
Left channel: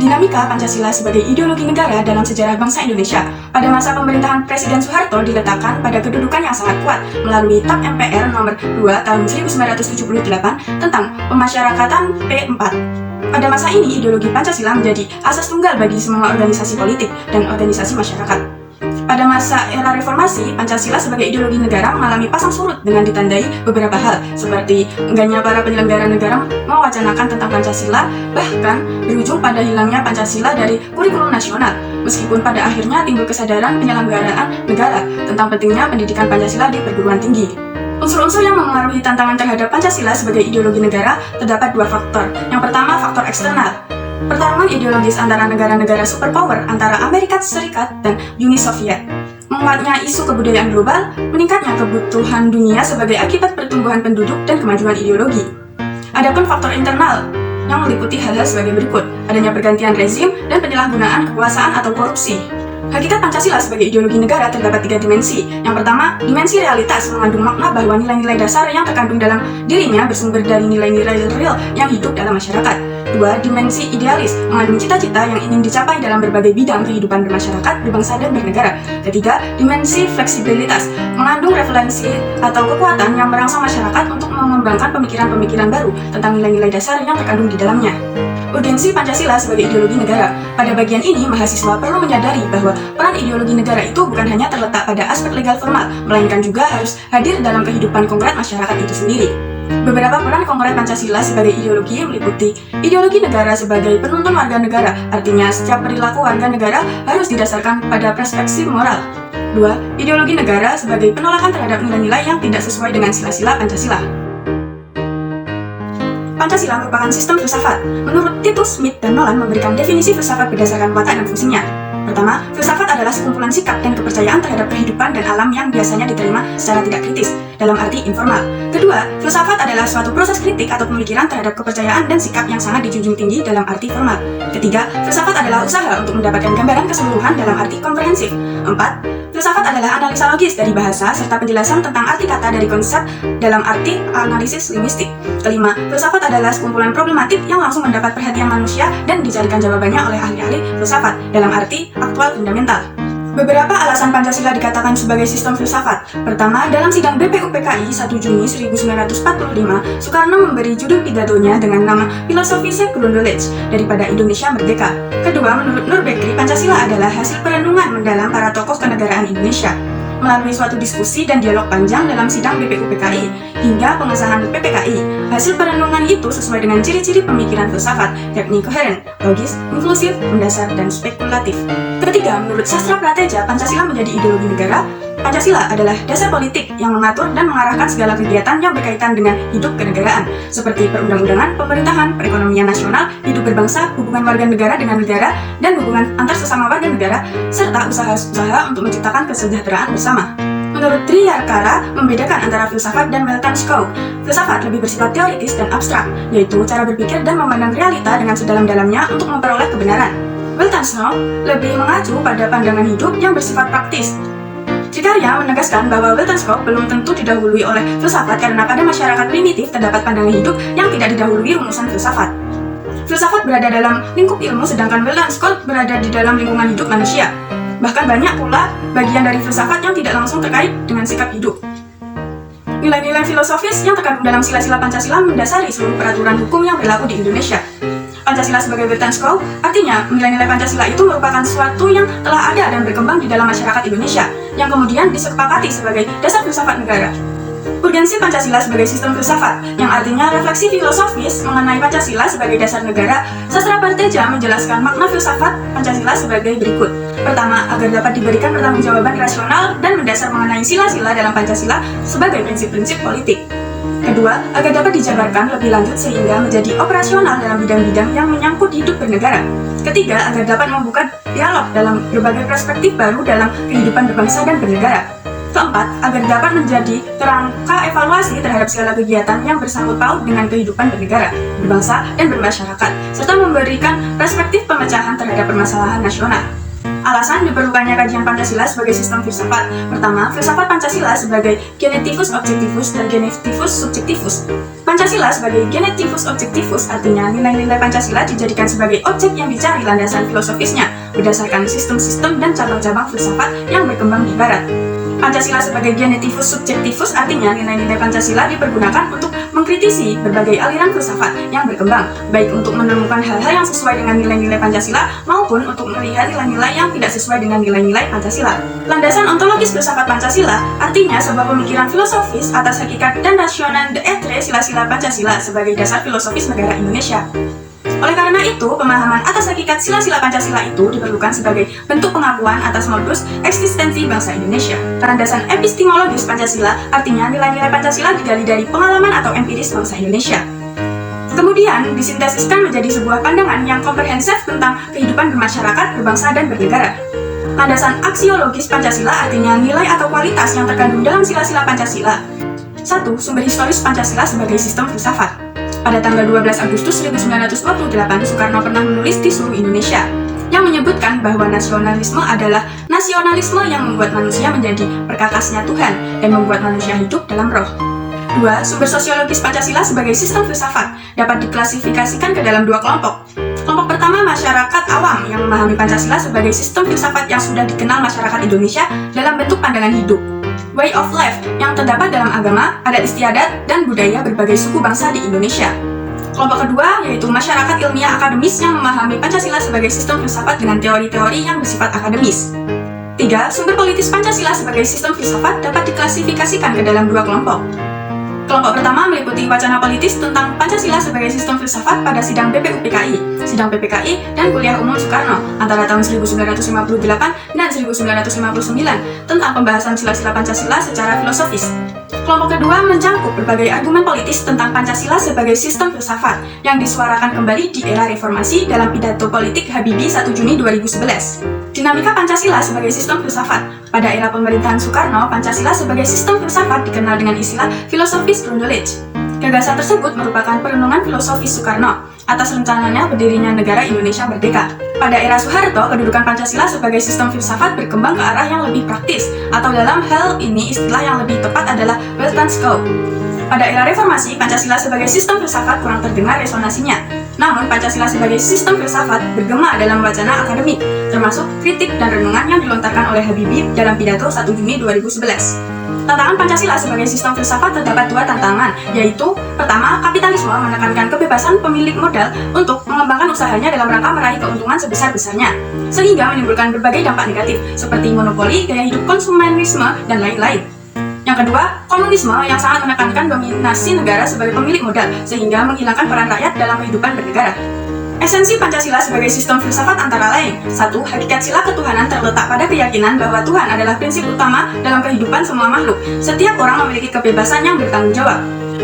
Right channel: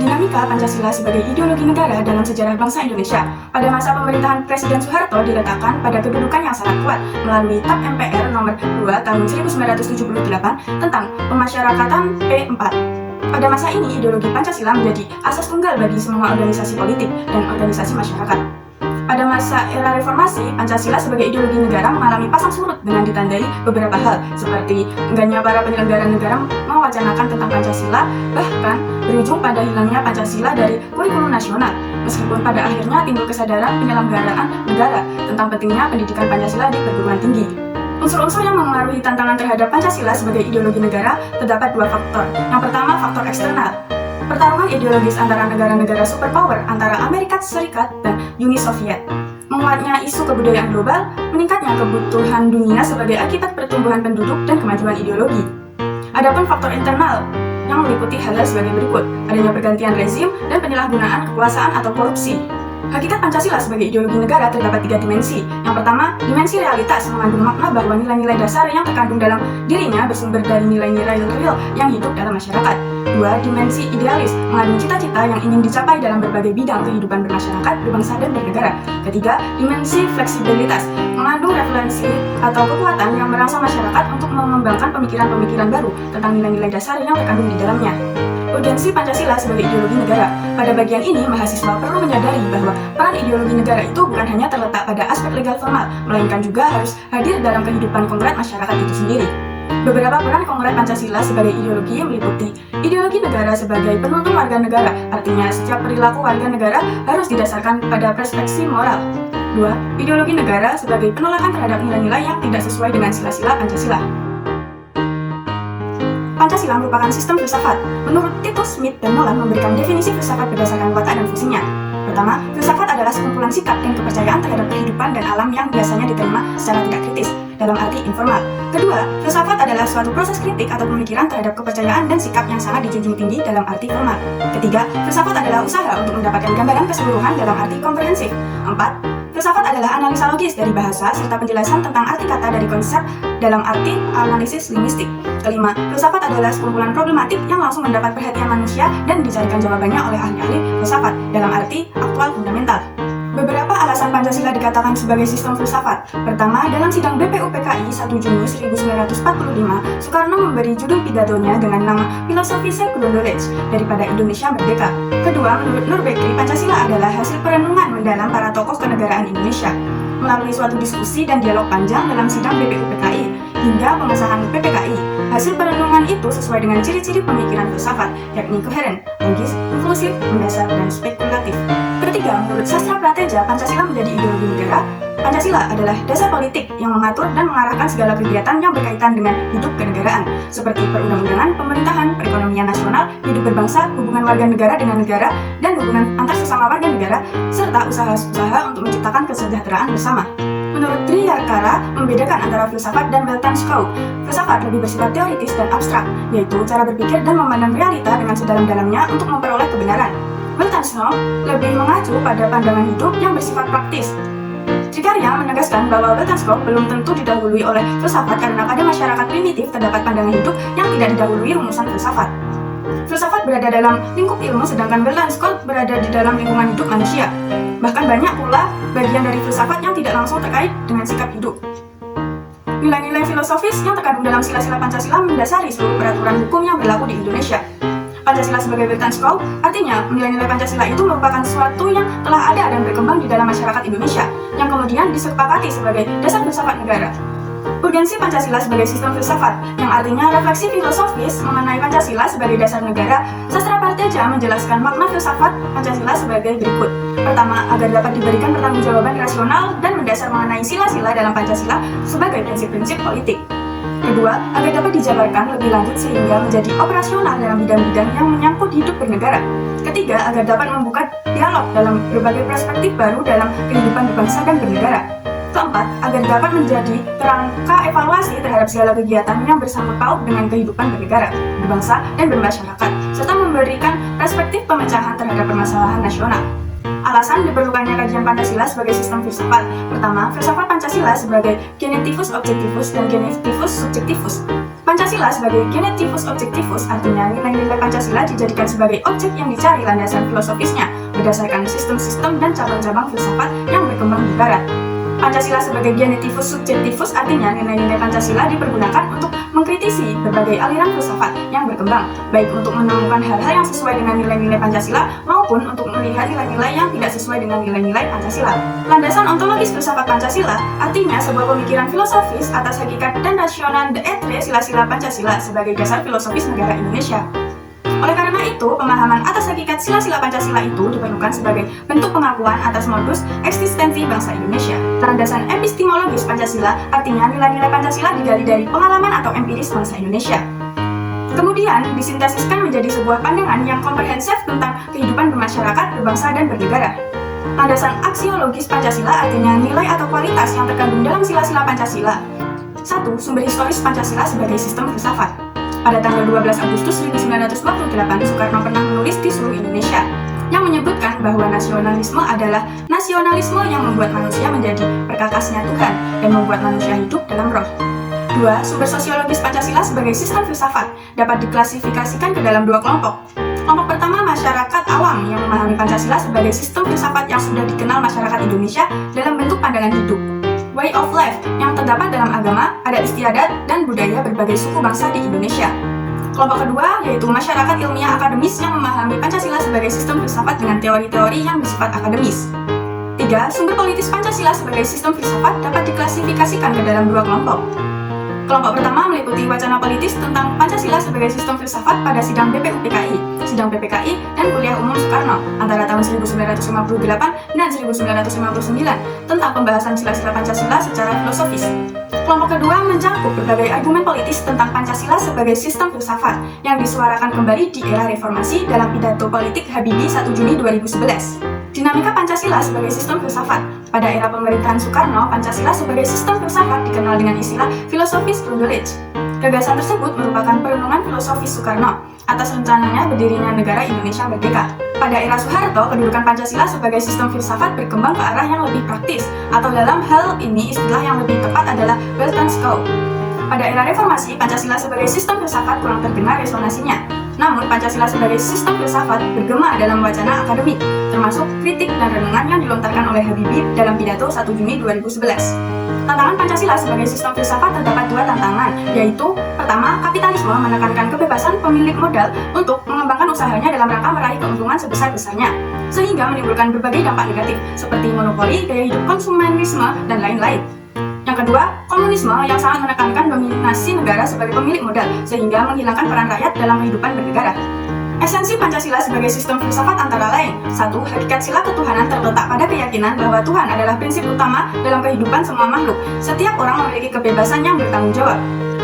Dinamika Pancasila sebagai ideologi negara dalam sejarah bangsa Indonesia pada masa pemerintahan Presiden Soeharto diletakkan pada kedudukan yang sangat kuat melalui TAP MPR nomor 2 tahun 1978 tentang pemasyarakatan P4. Pada masa ini, ideologi Pancasila menjadi asas tunggal bagi semua organisasi politik dan organisasi masyarakat. Pada masa era reformasi, Pancasila sebagai ideologi negara mengalami pasang surut dengan ditandai beberapa hal, seperti enggannya para penyelenggara negara mewacanakan tentang Pancasila, bahkan berujung pada hilangnya Pancasila dari kurikulum nasional, meskipun pada akhirnya timbul kesadaran penyelenggaraan negara tentang pentingnya pendidikan Pancasila di perguruan tinggi. Unsur-unsur yang memengaruhi tantangan terhadap Pancasila sebagai ideologi negara terdapat dua faktor. Yang pertama, faktor eksternal. Pertarungan ideologis antara negara-negara superpower antara Amerika Serikat dan Uni Soviet. Menguatnya isu kebudayaan global, meningkatnya kebutuhan dunia sebagai akibat pertumbuhan penduduk dan kemajuan ideologi. Adapun faktor internal yang meliputi hal-hal sebagai berikut: adanya pergantian rezim dan penyalahgunaan kekuasaan atau korupsi. Hakikat Pancasila sebagai ideologi negara terdapat tiga dimensi. Yang pertama, dimensi realitas mengandung makna bahwa nilai-nilai dasar yang terkandung dalam dirinya bersumber dari nilai-nilai real yang hidup dalam masyarakat. Dua, dimensi idealis mengandung cita-cita yang ingin dicapai dalam berbagai bidang kehidupan bermasyarakat, berbangsa, dan bernegara. Ketiga, dimensi fleksibilitas mengandung referensi atau kekuatan yang merangsang masyarakat untuk mengembangkan pemikiran-pemikiran baru tentang nilai-nilai dasar yang terkandung di dalamnya. Urgensi Pancasila sebagai ideologi negara. Pada bagian ini, mahasiswa perlu menyadari bahwa peran ideologi negara itu bukan hanya terletak pada aspek legal formal, melainkan juga harus hadir dalam kehidupan konkret masyarakat itu sendiri. Beberapa peran konkret Pancasila sebagai ideologi meliputi ideologi negara sebagai penuntun warga negara, artinya setiap perilaku warga negara harus didasarkan pada perspektif moral. 2. Ideologi negara sebagai penolakan terhadap nilai-nilai yang tidak sesuai dengan sila-sila Pancasila. Pancasila merupakan sistem filsafat. Menurut Titus, Smith, dan Nolan memberikan definisi filsafat berdasarkan watak dan fungsinya. Pertama, filsafat adalah sekumpulan sikap dan kepercayaan terhadap kehidupan dan alam yang biasanya diterima secara tidak kritis, dalam arti informal. Kedua, filsafat adalah suatu proses kritik atau pemikiran terhadap kepercayaan dan sikap yang sangat dijunjung tinggi dalam arti formal. Ketiga, filsafat adalah usaha untuk mendapatkan gambaran keseluruhan dalam arti komprehensif. 4. Filsafat adalah analisa logis dari bahasa serta penjelasan tentang arti kata dari konsep dalam arti analisis linguistik. Kelima, filsafat adalah sekumpulan problematik yang langsung mendapat perhatian manusia dan dicarikan jawabannya oleh ahli-ahli filsafat dalam arti aktual fundamental. Beberapa alasan Pancasila dikatakan sebagai sistem filsafat. Pertama, dalam sidang BPUPKI 1 Juni 1945, Soekarno memberi judul pidatonya dengan nama Filosofi Secular Knowledge daripada Indonesia Merdeka. Kedua, menurut Nur Bekri, Pancasila adalah hasil perenungan mendalam para tokoh kenegaraan Indonesia. Melalui suatu diskusi dan dialog panjang dalam sidang BPUPKI hingga pengesahan PPKI, hasil perenungan itu sesuai dengan ciri-ciri pemikiran filsafat, yakni koheren, logis, inklusif, mendasar, dan spekulatif. Ketiga, menurut sastra prateja, Pancasila menjadi ideologi negara. Pancasila adalah dasar politik yang mengatur dan mengarahkan segala kegiatan yang berkaitan dengan hidup kenegaraan, seperti perundang-undangan, pemerintahan, perekonomian nasional, hidup berbangsa, hubungan warga negara dengan negara, dan hubungan antar sesama warga negara, serta usaha-usaha untuk menciptakan kesejahteraan bersama. Menurut Triyakara, membedakan antara filsafat dan Weltanschauung. Filsafat lebih bersifat teoritis dan abstrak, yaitu cara berpikir dan memandang realita dengan sedalam-dalamnya untuk memperoleh kebenaran. Weltanschauung lebih mengacu pada pandangan hidup yang bersifat praktis. Trikarya menegaskan bahwa Weltanschauung belum tentu didahului oleh filsafat karena pada masyarakat primitif terdapat pandangan hidup yang tidak didahului rumusan filsafat. Filsafat berada dalam lingkup ilmu sedangkan Weltanschauung berada di dalam lingkungan hidup manusia. Bahkan banyak pula bagian dari filsafat yang tidak langsung terkait dengan sikap hidup. Nilai-nilai filosofis yang terkandung dalam sila-sila Pancasila mendasari seluruh peraturan hukum yang berlaku di Indonesia. Pancasila sebagai Weltanschauung artinya nilai-nilai Pancasila itu merupakan sesuatu yang telah ada dan berkembang di dalam masyarakat Indonesia, yang kemudian disepakati sebagai dasar filsafat negara. Urgensi Pancasila sebagai sistem filsafat, yang artinya refleksi filosofis mengenai Pancasila sebagai dasar negara. Sastra Prateja menjelaskan makna filsafat Pancasila sebagai berikut. Pertama, agar dapat diberikan pertanggungjawaban rasional dan mendasar mengenai sila-sila dalam Pancasila sebagai prinsip-prinsip politik. Kedua, agar dapat dijabarkan lebih lanjut sehingga menjadi operasional dalam bidang-bidang yang menyangkut hidup bernegara. Ketiga, agar dapat membuka dialog dalam berbagai perspektif baru dalam kehidupan berbangsa dan bernegara. Keempat, agar dapat menjadi kerangka evaluasi terhadap segala kegiatan yang bersangkut paut dengan kehidupan bernegara, berbangsa, dan bermasyarakat, serta memberikan perspektif pemecahan terhadap permasalahan nasional. Alasan diperlukannya kajian Pancasila sebagai sistem filsafat. Pertama, filsafat Pancasila sebagai genetivus objektivus dan genetivus subjektivus. Pancasila sebagai genetivus objektivus artinya nilai-nilai Pancasila dijadikan sebagai objek yang dicari landasan filosofisnya berdasarkan sistem-sistem dan cabang-cabang filsafat yang berkembang di Barat. Pancasila sebagai genetivus subjektivus artinya nilai-nilai Pancasila dipergunakan untuk mengkritisi berbagai aliran filsafat yang berkembang, baik untuk menemukan hal-hal yang sesuai dengan nilai-nilai Pancasila maupun untuk melihat nilai-nilai yang tidak sesuai dengan nilai-nilai Pancasila. Landasan ontologis filsafat Pancasila artinya sebuah pemikiran filosofis atas hakikat dan rasional de etre sila-sila Pancasila sebagai dasar filosofis negara Indonesia. Oleh karena itu, pemahaman atas hakikat sila-sila Pancasila itu diperlukan sebagai bentuk pengakuan atas modus eksistensi bangsa Indonesia. Landasan epistemologis Pancasila artinya nilai-nilai Pancasila digali dari pengalaman atau empiris bangsa Indonesia. Kemudian disintesiskan menjadi sebuah pandangan yang komprehensif tentang kehidupan bermasyarakat, berbangsa, dan bernegara. Landasan aksiologis Pancasila artinya nilai atau kualitas yang terkandung dalam sila-sila Pancasila. 1. Sumber historis Pancasila sebagai sistem filsafat. Pada tanggal 12 Agustus 1928, Soekarno pernah menulis di seluruh Indonesia yang menyebutkan bahwa nasionalisme adalah nasionalisme yang membuat manusia menjadi perkakasnya Tuhan dan membuat manusia hidup dalam roh. 2. Sumber sosiologis Pancasila sebagai sistem filsafat dapat diklasifikasikan ke dalam dua kelompok. Kelompok pertama, masyarakat awam yang memahami Pancasila sebagai sistem filsafat yang sudah dikenal masyarakat Indonesia dalam bentuk pandangan hidup, way of life yang terdapat dalam agama, adat istiadat, dan budaya berbagai suku bangsa di Indonesia. Kelompok kedua yaitu masyarakat ilmiah akademis yang memahami Pancasila sebagai sistem filsafat dengan teori-teori yang bersifat akademis. 3. Sumber politis Pancasila sebagai sistem filsafat dapat diklasifikasikan ke dalam dua kelompok. Kelompok pertama meliputi wacana politis tentang Pancasila sebagai sistem filsafat pada sidang BPUPKI, sidang PPKI, dan kuliah umum Soekarno antara tahun 1958 dan 1959 tentang pembahasan sila-sila Pancasila secara filosofis. Kelompok kedua mencangkup berbagai argumen politis tentang Pancasila sebagai sistem filsafat yang disuarakan kembali di era reformasi dalam pidato politik Habibie 1 Juni 2011. Dinamika Pancasila sebagai sistem filsafat. Pada era pemerintahan Soekarno, Pancasila sebagai sistem filsafat dikenal dengan istilah filosofis grundlegging. Gagasan tersebut merupakan perenungan filosofis Soekarno atas rencananya berdirinya negara Indonesia merdeka. Pada era Soeharto, kedudukan Pancasila sebagai sistem filsafat berkembang ke arah yang lebih praktis, atau dalam hal ini istilah yang lebih tepat adalah Weltanschauung. Pada era reformasi, Pancasila sebagai sistem filsafat kurang terdengar resonansinya. Namun, Pancasila sebagai sistem filsafat bergema dalam wacana akademik, termasuk kritik dan renungan yang dilontarkan oleh Habibie dalam pidato 1 Juni 2011. Tantangan Pancasila sebagai sistem filsafat terdapat dua tantangan, yaitu pertama, kapitalisme menekankan kebebasan pemilik modal untuk mengembangkan usahanya dalam rangka meraih keuntungan sebesar-besarnya, sehingga menimbulkan berbagai dampak negatif, seperti monopoli, gaya hidup konsumerisme, dan lain-lain. Yang kedua, komunisme yang sangat menekankan dominasi negara sebagai pemilik modal, sehingga menghilangkan peran rakyat dalam kehidupan bernegara. Esensi Pancasila sebagai sistem filsafat antara lain: 1. Hakikat sila ketuhanan terletak pada keyakinan bahwa Tuhan adalah prinsip utama dalam kehidupan semua makhluk. Setiap orang memiliki kebebasan yang bertanggung jawab.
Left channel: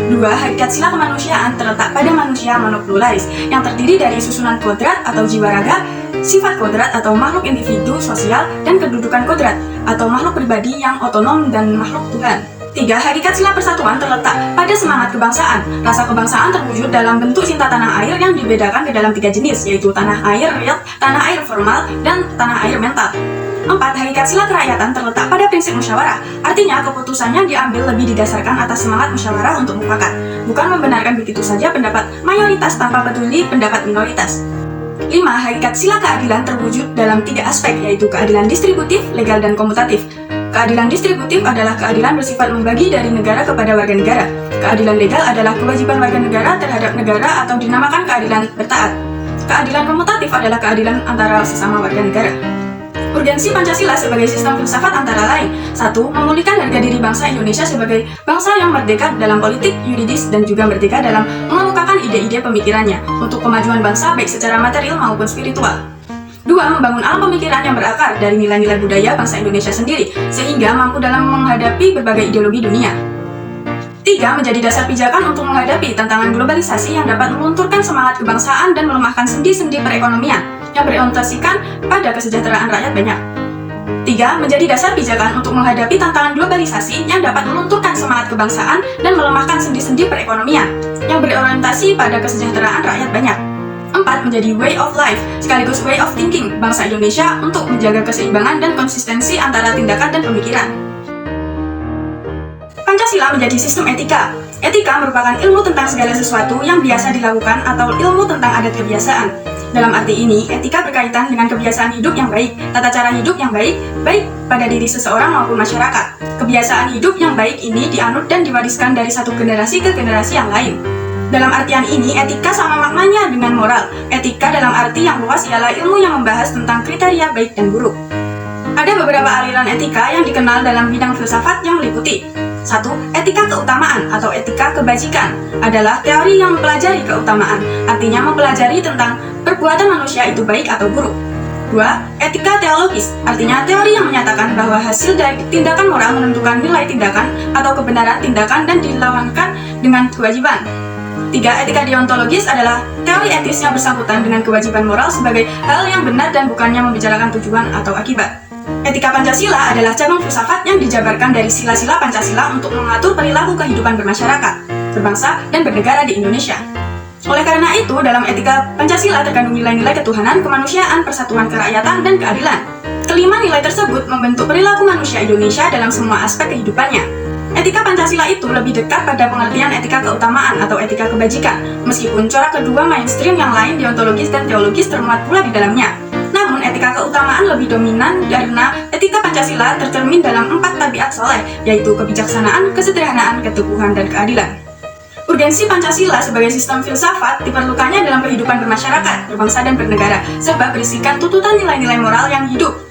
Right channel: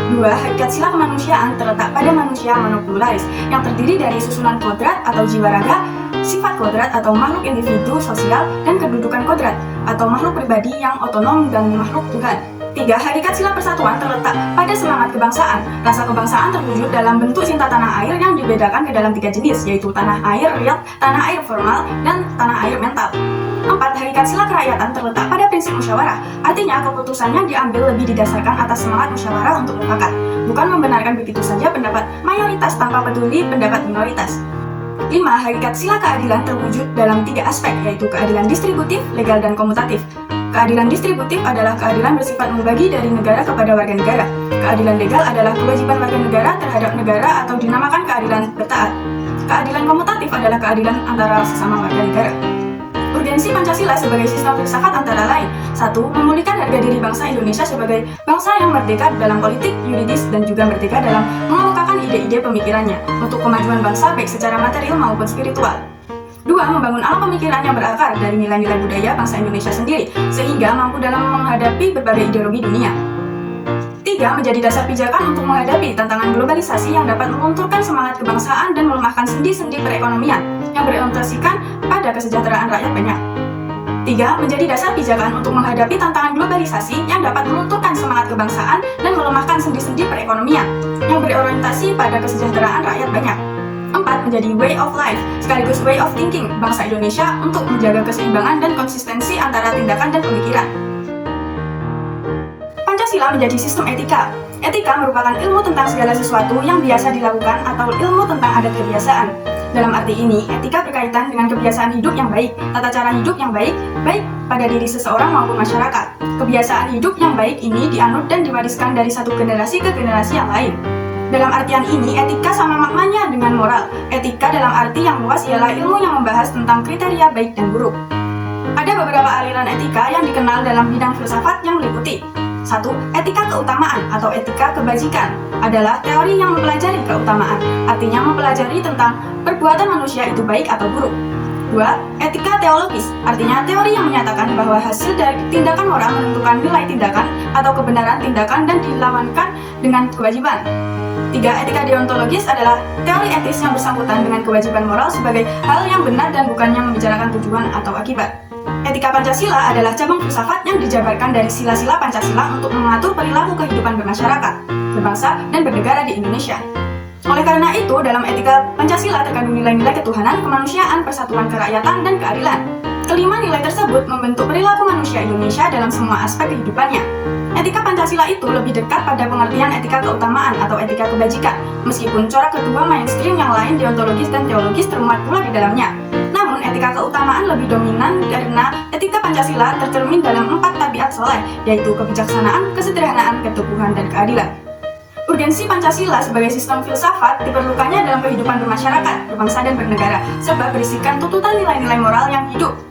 2. Hakikat sila kemanusiaan terletak pada manusia monopluralis yang terdiri dari susunan kodrat atau jiwa raga, sifat kodrat atau makhluk individu sosial, dan kedudukan kodrat atau makhluk pribadi yang otonom dan makhluk Tuhan. 3. Hakikat sila persatuan terletak pada semangat kebangsaan. Rasa kebangsaan terwujud dalam bentuk cinta tanah air yang dibedakan ke dalam 3 jenis, yaitu tanah air real, tanah air formal, dan tanah air mental. 4. Hakikat sila kerakyatan terletak pada prinsip musyawarah. Artinya, keputusannya diambil lebih didasarkan atas semangat musyawarah untuk mufakat, bukan membenarkan begitu saja pendapat mayoritas tanpa peduli pendapat minoritas. 5. Hakikat sila keadilan terwujud dalam 3 aspek, yaitu keadilan distributif, legal, dan komutatif. Keadilan distributif adalah keadilan bersifat membagi dari negara kepada warga negara. Keadilan legal adalah kewajiban warga negara terhadap negara atau dinamakan keadilan bertaat. Keadilan komutatif adalah keadilan antara sesama warga negara. Urgensi Pancasila sebagai sistem filsafat antara lain: 1. Memulihkan harga diri bangsa Indonesia sebagai bangsa yang merdeka dalam politik, yuridis, dan juga merdeka dalam mengemukakan ide-ide pemikirannya untuk kemajuan bangsa baik secara material maupun spiritual. 2. Membangun alam pemikiran yang berakar dari nilai-nilai budaya bangsa Indonesia sendiri, sehingga mampu dalam menghadapi berbagai ideologi dunia. 3. Menjadi dasar pijakan untuk menghadapi tantangan globalisasi yang dapat melunturkan semangat kebangsaan dan melemahkan sendi-sendi perekonomian yang berorientasikan pada kesejahteraan rakyat banyak. 3. Menjadi dasar pijakan untuk menghadapi tantangan globalisasi yang dapat melunturkan semangat kebangsaan dan melemahkan sendi-sendi perekonomian yang berorientasi pada kesejahteraan rakyat banyak. 4. Menjadi way of life sekaligus way of thinking bangsa Indonesia untuk menjaga keseimbangan dan konsistensi antara tindakan dan pemikiran. Pancasila menjadi sistem etika. Etika merupakan ilmu tentang segala sesuatu yang biasa dilakukan atau ilmu tentang adat kebiasaan. Dalam arti ini, etika berkaitan dengan kebiasaan hidup yang baik, tata cara hidup yang baik, baik pada diri seseorang maupun masyarakat. Kebiasaan hidup yang baik ini dianut dan diwariskan dari satu generasi ke generasi yang lain. Dalam artian ini, etika sama maknanya dengan moral. Etika dalam arti yang luas ialah ilmu yang membahas tentang kriteria baik dan buruk. Ada beberapa aliran etika yang dikenal dalam bidang filsafat yang meliputi: 1. Etika keutamaan atau etika kebajikan adalah teori yang mempelajari keutamaan, artinya mempelajari tentang perbuatan manusia itu baik atau buruk. 2. Etika teologis, artinya teori yang menyatakan bahwa hasil dari tindakan moral menentukan nilai tindakan atau kebenaran tindakan dan dilawankan dengan kewajiban. 3. Etika deontologis adalah teori etis yang bersangkutan dengan kewajiban moral sebagai hal yang benar dan bukannya membicarakan tujuan atau akibat. Etika Pancasila adalah cabang filsafat yang dijabarkan dari sila-sila Pancasila untuk mengatur perilaku kehidupan bermasyarakat, berbangsa, dan bernegara di Indonesia. Oleh karena itu, dalam etika Pancasila terkandung nilai-nilai ketuhanan, kemanusiaan, persatuan kerakyatan, dan keadilan. Kelima nilai tersebut membentuk perilaku manusia Indonesia dalam semua aspek kehidupannya. Etika Pancasila itu lebih dekat pada pengertian etika keutamaan atau etika kebajikan, meskipun corak kedua mainstream yang lain, deontologis dan teologis, termuat pula di dalamnya. Namun, etika keutamaan lebih dominan karena etika Pancasila tercermin dalam 4 tabiat soleh, yaitu kebijaksanaan, kesederhanaan, keteguhan, dan keadilan. Urgensi Pancasila sebagai sistem filsafat diperlukannya dalam kehidupan bermasyarakat, berbangsa, dan bernegara, sebab berisikan tuntutan nilai-nilai moral yang hidup.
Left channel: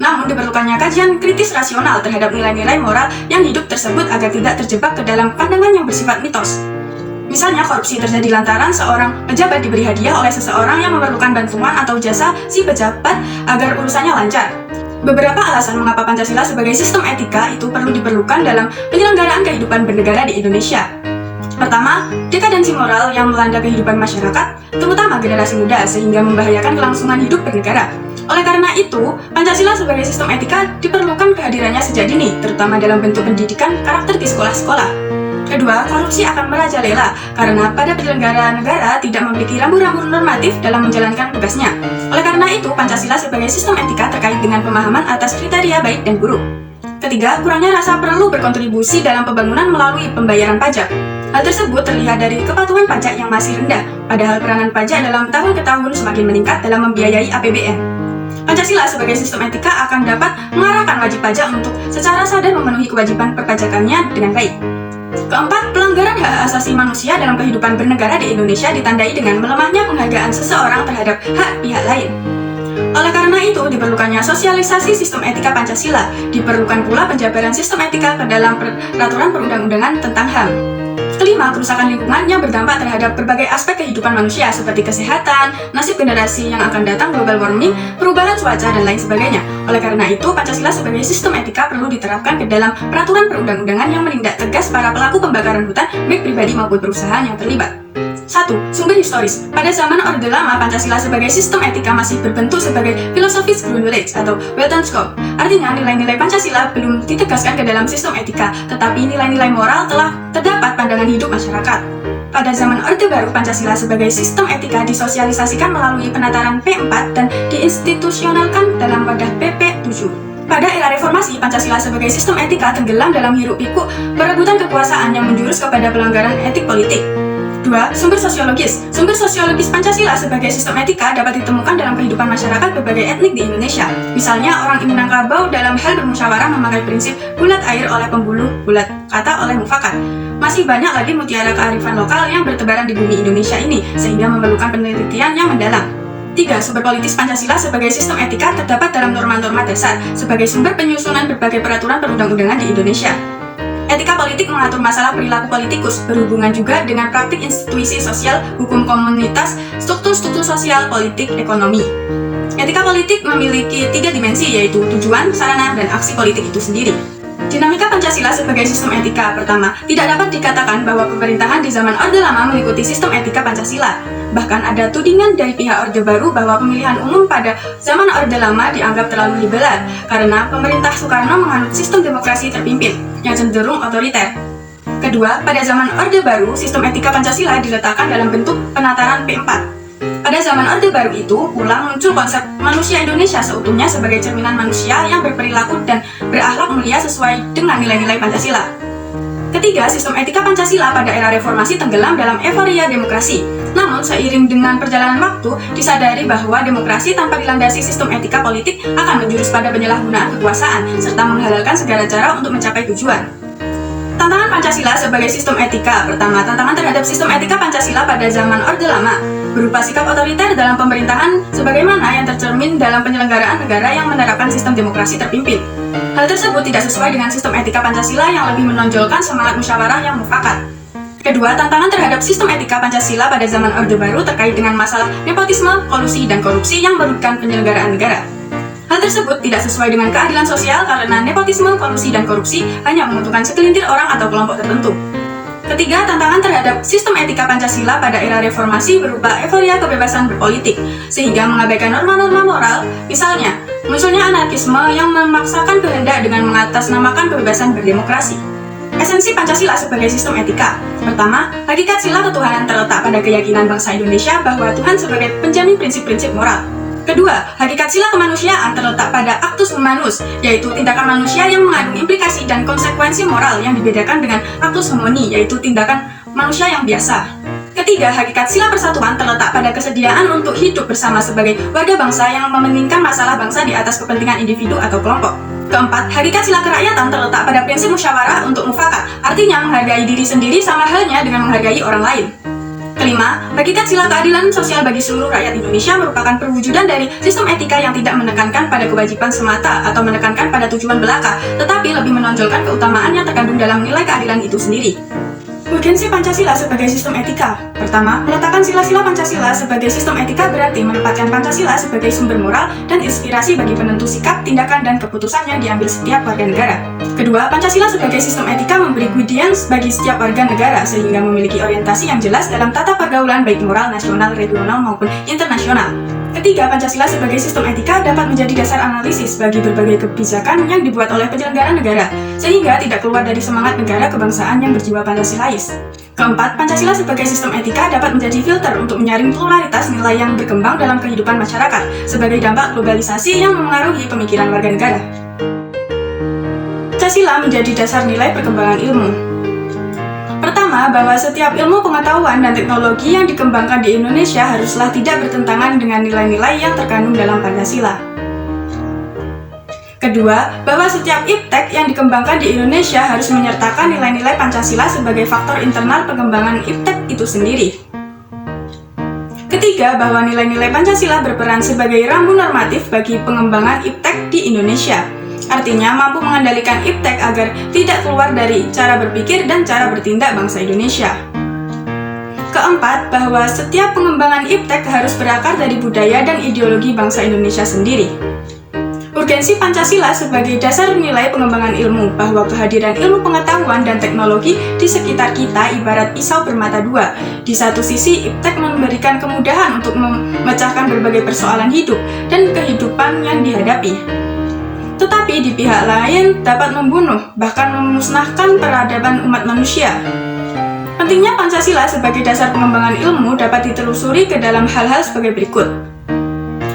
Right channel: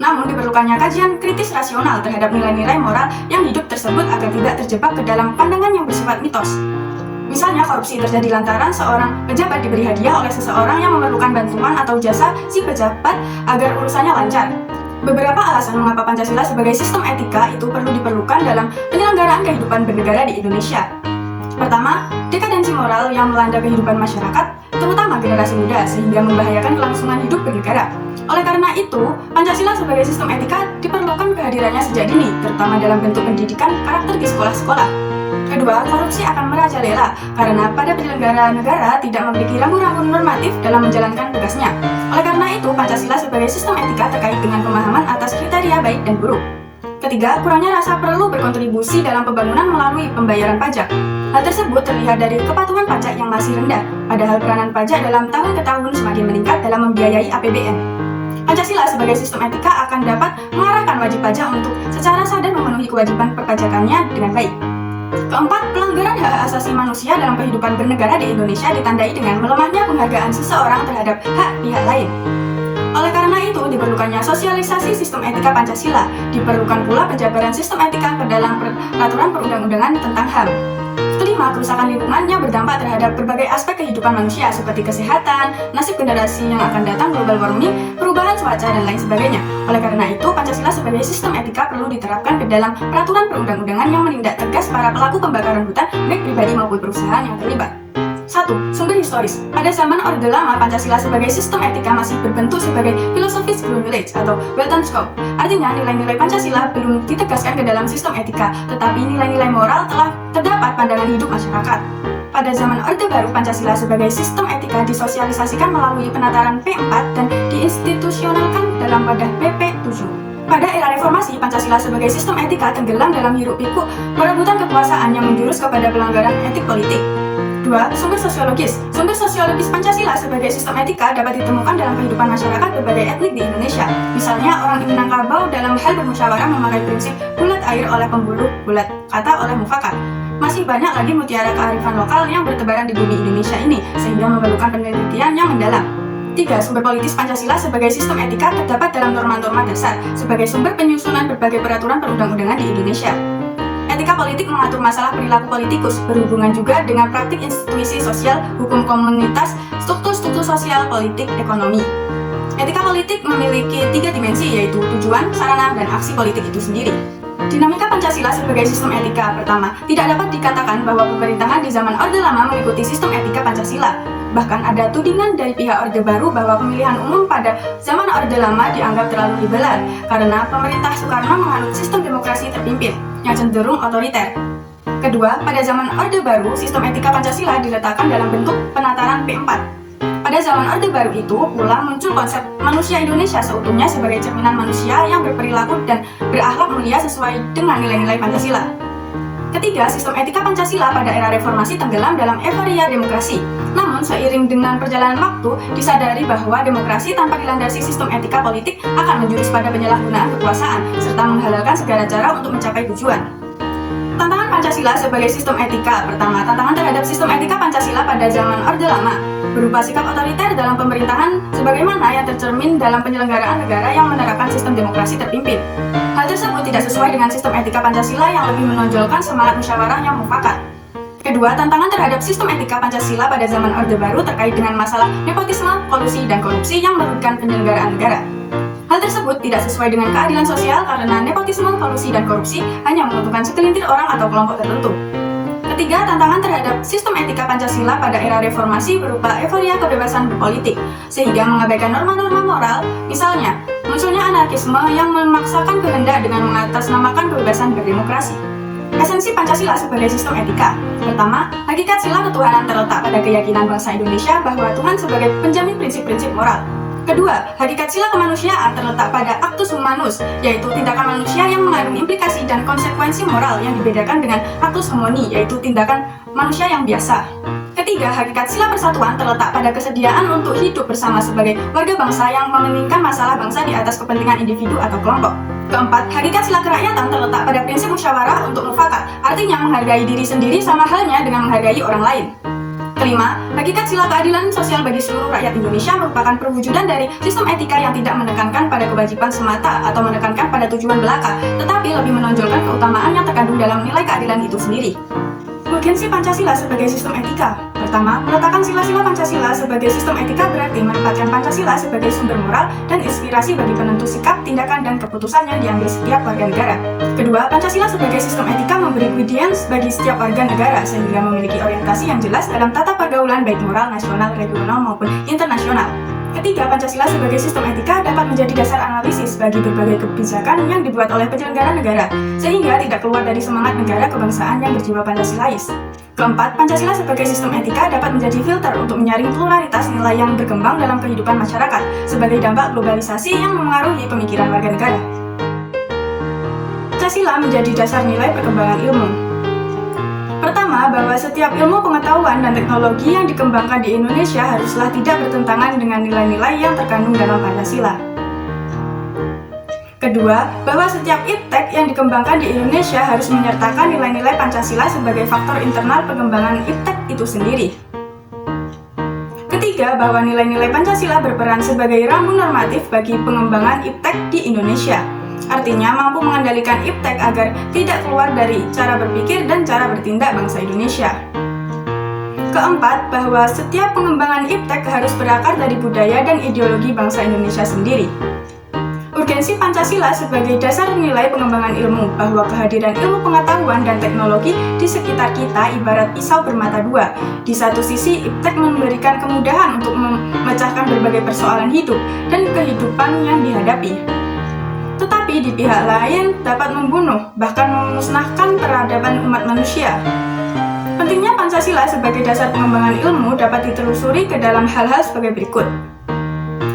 Namun diperlukannya kajian kritis rasional terhadap nilai-nilai moral yang hidup tersebut agar tidak terjebak ke dalam pandangan yang bersifat mitos. Misalnya, korupsi terjadi lantaran seorang pejabat diberi hadiah oleh seseorang yang memerlukan bantuan atau jasa si pejabat agar urusannya lancar. Beberapa alasan mengapa Pancasila sebagai sistem etika itu perlu diperlukan dalam penyelenggaraan kehidupan bernegara di Indonesia. Pertama, dekadensi moral yang melanda kehidupan masyarakat, terutama generasi muda, sehingga membahayakan kelangsungan hidup bernegara. Oleh karena itu, Pancasila sebagai sistem etika diperlukan kehadirannya sejak dini, terutama dalam bentuk pendidikan karakter di sekolah-sekolah. Kedua, korupsi akan merajalela karena pada penyelenggara negara tidak memiliki rambu-rambu normatif dalam menjalankan tugasnya. Oleh karena itu, Pancasila sebagai sistem etika terkait dengan pemahaman atas kriteria baik dan buruk. Ketiga, kurangnya rasa perlu berkontribusi dalam pembangunan melalui pembayaran pajak. Hal tersebut terlihat dari kepatuhan pajak yang masih rendah, padahal peranan pajak dalam tahun ke tahun semakin meningkat dalam membiayai APBN. Pancasila sebagai sistem etika akan dapat mengarahkan wajib pajak untuk secara sadar memenuhi kewajiban perpajakannya dengan baik. Keempat, pelanggaran hak asasi manusia dalam kehidupan bernegara di Indonesia ditandai dengan melemahnya penghargaan seseorang terhadap hak pihak lain. Oleh karena itu, diperlukannya sosialisasi sistem etika Pancasila. Diperlukan pula penjabaran sistem etika ke dalam peraturan perundang-undangan tentang HAM. Kelima, kerusakan lingkungan yang berdampak terhadap berbagai aspek kehidupan manusia seperti kesehatan, nasib generasi yang akan datang, global warming, perubahan cuaca, dan lain sebagainya. Oleh karena itu, Pancasila sebagai sistem etika perlu diterapkan ke dalam peraturan perundang-undangan yang menindak tegas para pelaku pembakaran hutan, baik pribadi maupun perusahaan yang terlibat. 1. Sumber historis. Pada zaman Orde Lama, Pancasila sebagai sistem etika masih berbentuk sebagai filosofis Grundgesetz atau Weltanschauung. Artinya, nilai-nilai Pancasila belum ditegaskan ke dalam sistem etika, tetapi nilai-nilai moral telah terdapat pandangan hidup masyarakat. Pada zaman Orde Baru, Pancasila sebagai sistem etika disosialisasikan melalui penataran P4 dan diinstitusionalkan dalam wadah PP7. Pada era reformasi, Pancasila sebagai sistem etika tenggelam dalam hiruk-pikuk perebutan kekuasaan yang menjurus kepada pelanggaran etik politik. 2. Sumber sosiologis. Sumber sosiologis Pancasila sebagai sistem etika dapat ditemukan dalam kehidupan masyarakat berbagai etnik di Indonesia. Misalnya, orang Minangkabau dalam hal bermusyawarah memakai prinsip bulat air oleh pembuluh, bulat kata oleh mufakat. Masih banyak lagi mutiara kearifan lokal yang bertebaran di bumi Indonesia ini, sehingga memerlukan penelitian yang mendalam. 3. Sumber politis Pancasila sebagai sistem etika terdapat dalam norma-norma dasar sebagai sumber penyusunan berbagai peraturan perundang-undangan di Indonesia. Etika politik mengatur masalah perilaku politikus, berhubungan juga dengan praktik institusi sosial, hukum komunitas, struktur-struktur sosial, politik, ekonomi. Etika politik memiliki 3 dimensi, yaitu tujuan, sarana, dan aksi politik itu sendiri. Dinamika Pancasila sebagai sistem etika. Pertama, tidak dapat dikatakan bahwa pemerintahan di zaman Orde Lama mengikuti sistem etika Pancasila. Bahkan ada tudingan dari pihak Orde Baru bahwa pemilihan umum pada zaman Orde Lama dianggap terlalu liberal karena pemerintah Soekarno menganut sistem demokrasi terpimpin yang cenderung otoriter. Kedua, pada zaman Orde Baru, sistem etika Pancasila diletakkan dalam bentuk penataran P4. Pada zaman Orde Baru itu, pula muncul konsep manusia Indonesia seutuhnya sebagai cerminan manusia yang berperilaku dan berakhlak mulia sesuai dengan nilai-nilai Pancasila. Ketiga, sistem etika Pancasila pada era reformasi tenggelam dalam euforia demokrasi. Namun, seiring dengan perjalanan waktu, disadari bahwa demokrasi tanpa dilandasi sistem etika politik akan menjurus pada penyalahgunaan kekuasaan, serta menghalalkan segala cara untuk mencapai tujuan. Tantangan Pancasila sebagai sistem etika. Pertama, tantangan terhadap sistem etika Pancasila pada zaman Orde Lama berupa sikap otoriter dalam pemerintahan sebagaimana yang tercermin dalam penyelenggaraan negara yang menerapkan sistem demokrasi terpimpin. Hal tersebut tidak sesuai dengan sistem etika Pancasila yang lebih menonjolkan semangat musyawarah yang mufakat. Kedua, tantangan terhadap sistem etika Pancasila pada zaman Orde Baru terkait dengan masalah nepotisme, kolusi, dan korupsi yang merugikan penyelenggaraan negara. Hal tersebut tidak sesuai dengan keadilan sosial karena nepotisme, kolusi, dan korupsi hanya menguntungkan segelintir orang atau kelompok tertentu. Ketiga, tantangan terhadap sistem etika Pancasila pada era reformasi berupa euforia kebebasan berpolitik, sehingga mengabaikan norma-norma moral, misalnya, munculnya anarkisme yang memaksakan kehendak dengan mengatasnamakan kebebasan berdemokrasi. Esensi Pancasila sebagai sistem etika. Pertama, hakikat sila ketuhanan terletak pada keyakinan bangsa Indonesia bahwa Tuhan sebagai penjamin prinsip-prinsip moral. Kedua, hakikat sila kemanusiaan terletak pada actus humanus, yaitu tindakan manusia yang mengandung implikasi dan konsekuensi moral yang dibedakan dengan actus homini, yaitu tindakan manusia yang biasa. Ketiga, hakikat sila persatuan terletak pada kesediaan untuk hidup bersama sebagai warga bangsa yang mementingkan masalah bangsa di atas kepentingan individu atau kelompok. Keempat, hakikat sila kerakyatan terletak pada prinsip musyawarah untuk mufakat, artinya menghargai diri sendiri sama halnya dengan menghargai orang lain. Kelima, hakikat sila keadilan sosial bagi seluruh rakyat Indonesia merupakan perwujudan dari sistem etika yang tidak menekankan pada kewajiban semata atau menekankan pada tujuan belaka, tetapi lebih menonjolkan keutamaan yang terkandung dalam nilai keadilan itu sendiri. Urgensi Pancasila sebagai sistem etika. Pertama, meletakkan sila-sila Pancasila sebagai sistem etika berarti menempatkan Pancasila sebagai sumber moral dan inspirasi bagi penentu sikap, tindakan, dan keputusan yang diambil setiap warga negara. Kedua, Pancasila sebagai sistem etika memberi guidance bagi setiap warga negara sehingga memiliki orientasi yang jelas dalam tata pergaulan baik moral nasional, regional, maupun internasional. Ketiga, Pancasila sebagai sistem etika dapat menjadi dasar analisis bagi berbagai kebijakan yang dibuat oleh penyelenggara negara, sehingga tidak keluar dari semangat negara kebangsaan yang berjiwa Pancasilais. Keempat, Pancasila sebagai sistem etika dapat menjadi filter untuk menyaring pluralitas nilai yang berkembang dalam kehidupan masyarakat, sebagai dampak globalisasi yang memengaruhi pemikiran warga negara. Pancasila menjadi dasar nilai perkembangan ilmu. Pertama, bahwa setiap ilmu pengetahuan dan teknologi yang dikembangkan di Indonesia haruslah tidak bertentangan dengan nilai-nilai yang terkandung dalam Pancasila. Kedua, bahwa setiap iptek yang dikembangkan di Indonesia harus menyertakan nilai-nilai Pancasila sebagai faktor internal pengembangan iptek itu sendiri. Ketiga, bahwa nilai-nilai Pancasila berperan sebagai rambu normatif bagi pengembangan iptek di Indonesia. Artinya mampu mengendalikan iptek agar tidak keluar dari cara berpikir dan cara bertindak bangsa Indonesia. Keempat, bahwa setiap pengembangan iptek harus berakar dari budaya dan ideologi bangsa Indonesia sendiri. Urgensi Pancasila sebagai dasar nilai pengembangan ilmu, bahwa kehadiran ilmu pengetahuan dan teknologi di sekitar kita ibarat pisau bermata dua. Di satu sisi, iptek memberikan kemudahan untuk memecahkan berbagai persoalan hidup dan kehidupan yang dihadapi. Tetapi di pihak lain dapat membunuh, bahkan memusnahkan peradaban umat manusia. Pentingnya Pancasila sebagai dasar pengembangan ilmu dapat ditelusuri ke dalam hal-hal sebagai berikut.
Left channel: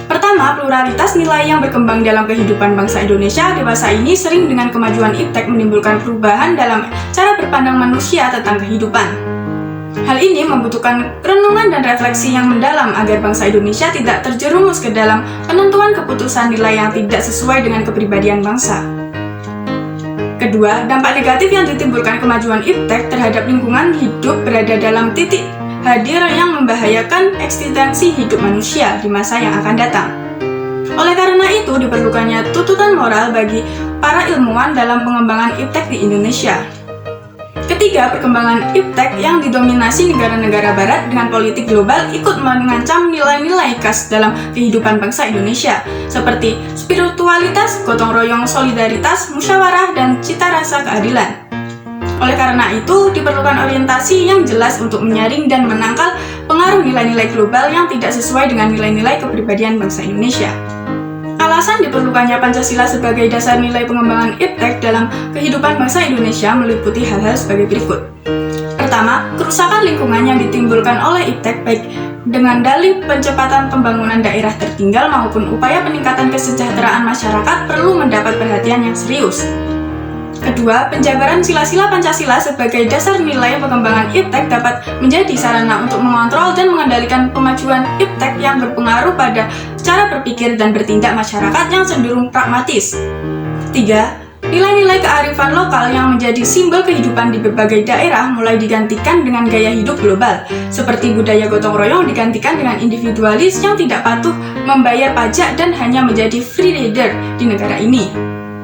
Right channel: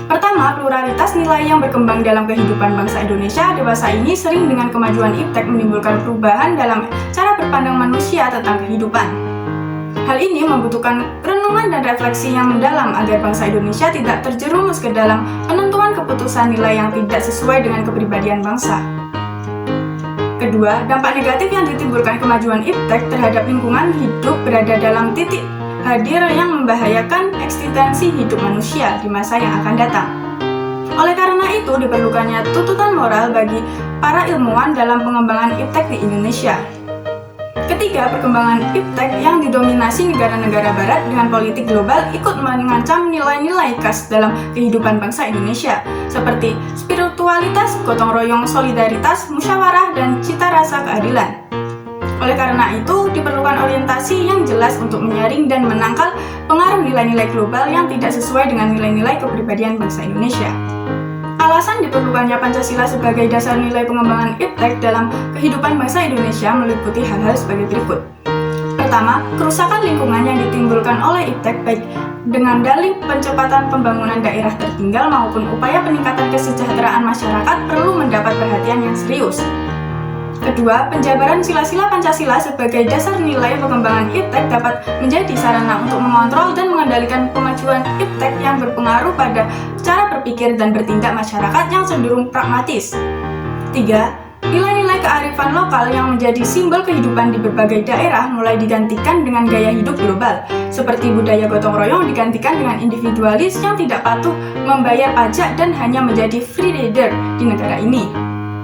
Pertama, pluralitas nilai yang berkembang dalam kehidupan bangsa Indonesia dewasa ini sering dengan kemajuan iptek menimbulkan perubahan dalam cara berpandang manusia tentang kehidupan. Hal ini membutuhkan renungan dan refleksi yang mendalam agar bangsa Indonesia tidak terjerumus ke dalam penentuan keputusan nilai yang tidak sesuai dengan kepribadian bangsa. Kedua, dampak negatif yang ditimbulkan kemajuan iptek terhadap lingkungan hidup berada dalam titik hadir yang membahayakan eksistensi hidup manusia di masa yang akan datang. Oleh karena itu, diperlukannya tuntutan moral bagi para ilmuwan dalam pengembangan iptek di Indonesia. Ketiga, perkembangan iptek yang didominasi negara-negara barat dengan politik global ikut mengancam nilai-nilai khas dalam kehidupan bangsa Indonesia, seperti spiritualitas, gotong royong, solidaritas, musyawarah, dan cita rasa keadilan. Oleh karena itu, diperlukan orientasi yang jelas untuk menyaring dan menangkal pengaruh nilai-nilai global yang tidak sesuai dengan nilai-nilai kepribadian bangsa Indonesia. Alasan diperlukannya Pancasila sebagai dasar nilai pengembangan iptek dalam kehidupan bangsa Indonesia meliputi hal-hal sebagai berikut. Pertama, kerusakan lingkungan yang ditimbulkan oleh iptek baik dengan dalih percepatan pembangunan daerah tertinggal maupun upaya peningkatan kesejahteraan masyarakat perlu mendapat perhatian yang serius. Kedua, penjabaran sila-sila Pancasila sebagai dasar nilai pengembangan iptek dapat menjadi sarana untuk mengontrol dan mengendalikan pemajuan iptek yang berpengaruh pada cara berpikir dan bertindak masyarakat yang cenderung pragmatis. Tiga, nilai-nilai kearifan lokal yang menjadi simbol kehidupan di berbagai daerah mulai digantikan dengan gaya hidup global, seperti budaya gotong royong digantikan dengan individualis yang tidak patuh membayar pajak dan hanya menjadi free rider di negara ini.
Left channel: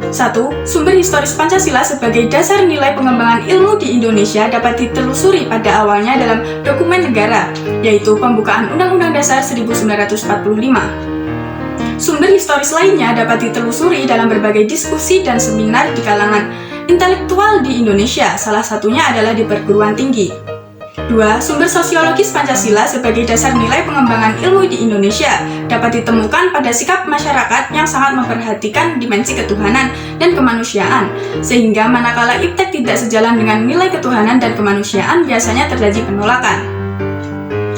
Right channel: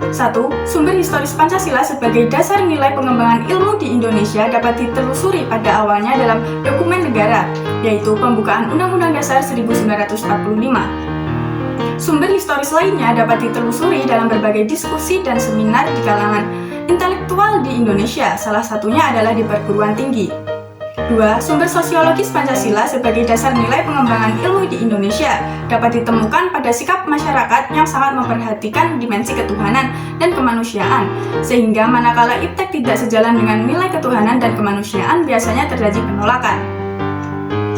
1. Sumber historis Pancasila sebagai dasar nilai pengembangan ilmu di Indonesia dapat ditelusuri pada awalnya dalam dokumen negara, yaitu Pembukaan Undang-Undang Dasar 1945. Sumber historis lainnya dapat ditelusuri dalam berbagai diskusi dan seminar di kalangan intelektual di Indonesia, salah satunya adalah di perguruan tinggi. 2. Sumber sosiologis Pancasila sebagai dasar nilai pengembangan ilmu di Indonesia dapat ditemukan pada sikap masyarakat yang sangat memperhatikan dimensi ketuhanan dan kemanusiaan, sehingga manakala iptek tidak sejalan dengan nilai ketuhanan dan kemanusiaan biasanya terjadi penolakan.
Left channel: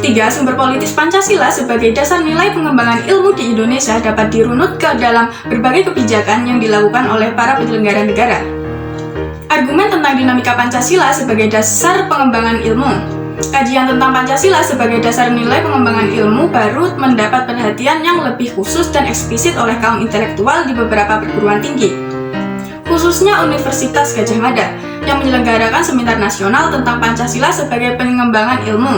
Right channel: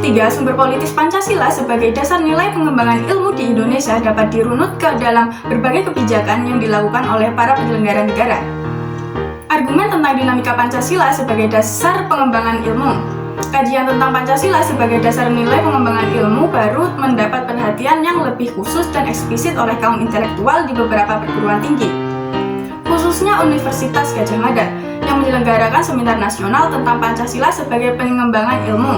3. Sumber politis Pancasila sebagai dasar nilai pengembangan ilmu di Indonesia dapat dirunut ke dalam berbagai kebijakan yang dilakukan oleh para penyelenggara negara. Argumen tentang dinamika Pancasila sebagai dasar pengembangan ilmu. Kajian tentang Pancasila sebagai dasar nilai pengembangan ilmu baru mendapat perhatian yang lebih khusus dan eksplisit oleh kaum intelektual di beberapa perguruan tinggi, khususnya Universitas Gadjah Mada, yang menyelenggarakan seminar nasional tentang Pancasila sebagai pengembangan ilmu,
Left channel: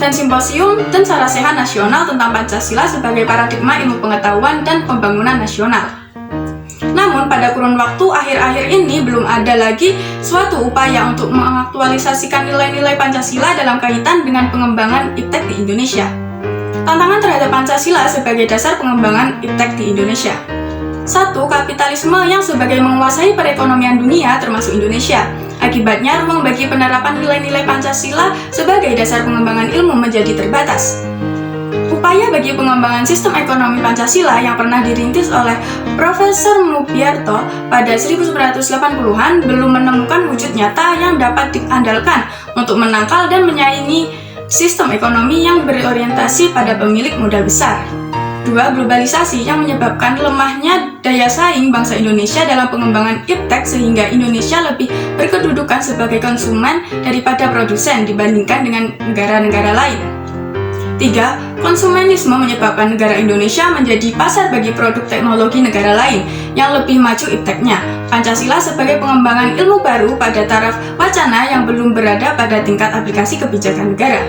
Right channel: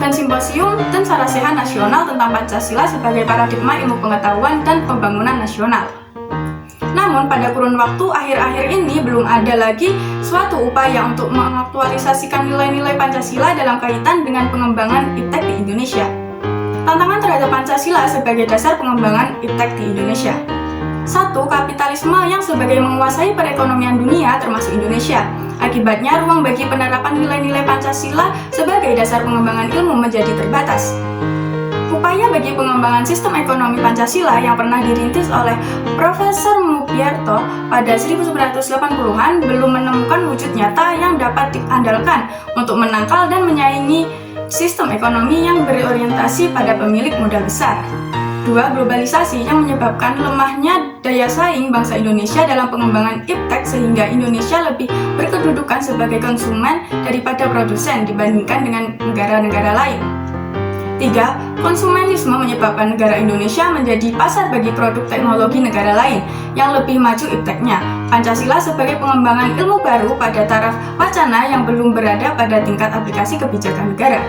dan simposium dan sarasehan nasional tentang Pancasila sebagai paradigma ilmu pengetahuan dan pembangunan nasional. Namun pada kurun waktu akhir-akhir ini belum ada lagi suatu upaya untuk mengaktualisasikan nilai-nilai Pancasila dalam kaitan dengan pengembangan iptek di Indonesia. Tantangan terhadap Pancasila sebagai dasar pengembangan iptek di Indonesia. 1. Kapitalisme yang sebagai menguasai perekonomian dunia termasuk Indonesia. Akibatnya ruang bagi penerapan nilai-nilai Pancasila sebagai dasar pengembangan ilmu menjadi terbatas. Upaya bagi pengembangan sistem ekonomi Pancasila yang pernah dirintis oleh Profesor Mugyarto pada 1980-an belum menemukan wujud nyata yang dapat diandalkan untuk menangkal dan menyaingi sistem ekonomi yang berorientasi pada pemilik modal besar. 2. Globalisasi yang menyebabkan lemahnya daya saing bangsa Indonesia dalam pengembangan iptek sehingga Indonesia lebih berkedudukan sebagai konsumen daripada produsen dibandingkan dengan negara-negara lain. 3. Konsumenisme menyebabkan negara Indonesia menjadi pasar bagi produk teknologi negara lain yang lebih maju ipteknya. Pancasila sebagai pengembangan ilmu baru pada taraf wacana yang belum berada pada tingkat aplikasi kebijakan negara.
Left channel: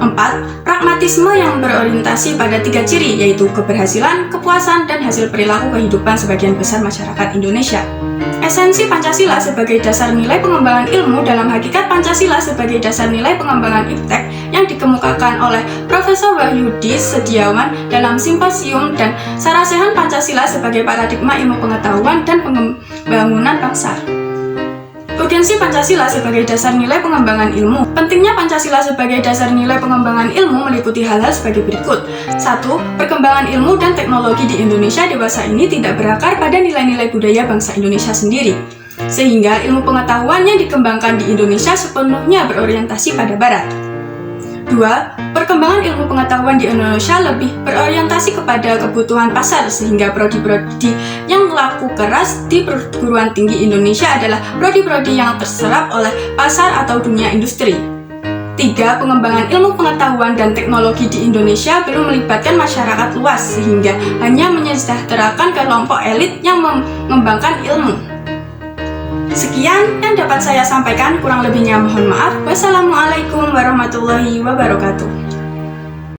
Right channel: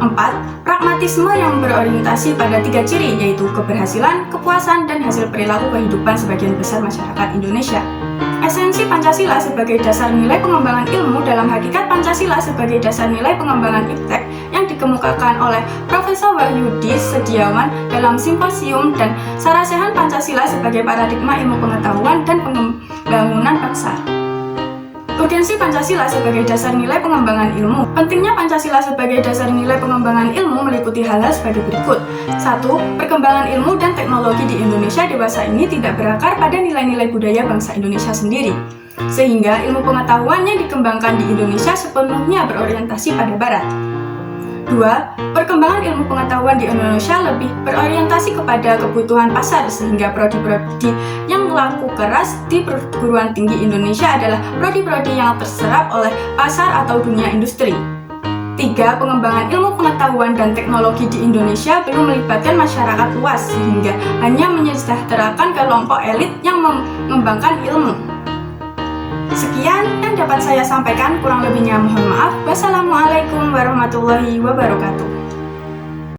4. Pragmatisme yang berorientasi pada 3 ciri, yaitu keberhasilan, kepuasan, dan hasil perilaku kehidupan sebagian besar masyarakat Indonesia. Esensi Pancasila sebagai dasar nilai pengembangan ilmu dalam hakikat Pancasila sebagai dasar nilai pengembangan iptek yang dikemukakan oleh Profesor Wahyudi Setiawan dalam Simposium dan Sarasehan Pancasila sebagai paradigma ilmu pengetahuan dan pembangunan bangsa. Urgensi Pancasila sebagai dasar nilai pengembangan ilmu. Pentingnya Pancasila sebagai dasar nilai pengembangan ilmu meliputi hal-hal sebagai berikut. 1. Perkembangan ilmu dan teknologi di Indonesia dewasa ini tidak berakar pada nilai-nilai budaya bangsa Indonesia sendiri, sehingga ilmu pengetahuan yang dikembangkan di Indonesia sepenuhnya berorientasi pada Barat. 2. Perkembangan ilmu pengetahuan di Indonesia lebih berorientasi kepada kebutuhan pasar, sehingga prodi-prodi yang laku keras di perguruan tinggi Indonesia adalah prodi-prodi yang terserap oleh pasar atau dunia industri. 3. Pengembangan ilmu pengetahuan dan teknologi di Indonesia belum melibatkan masyarakat luas, sehingga hanya menyejahterakan kelompok elit yang mengembangkan ilmu. Sekian yang dapat saya sampaikan, kurang lebihnya mohon maaf. Wassalamualaikum warahmatullahi wabarakatuh.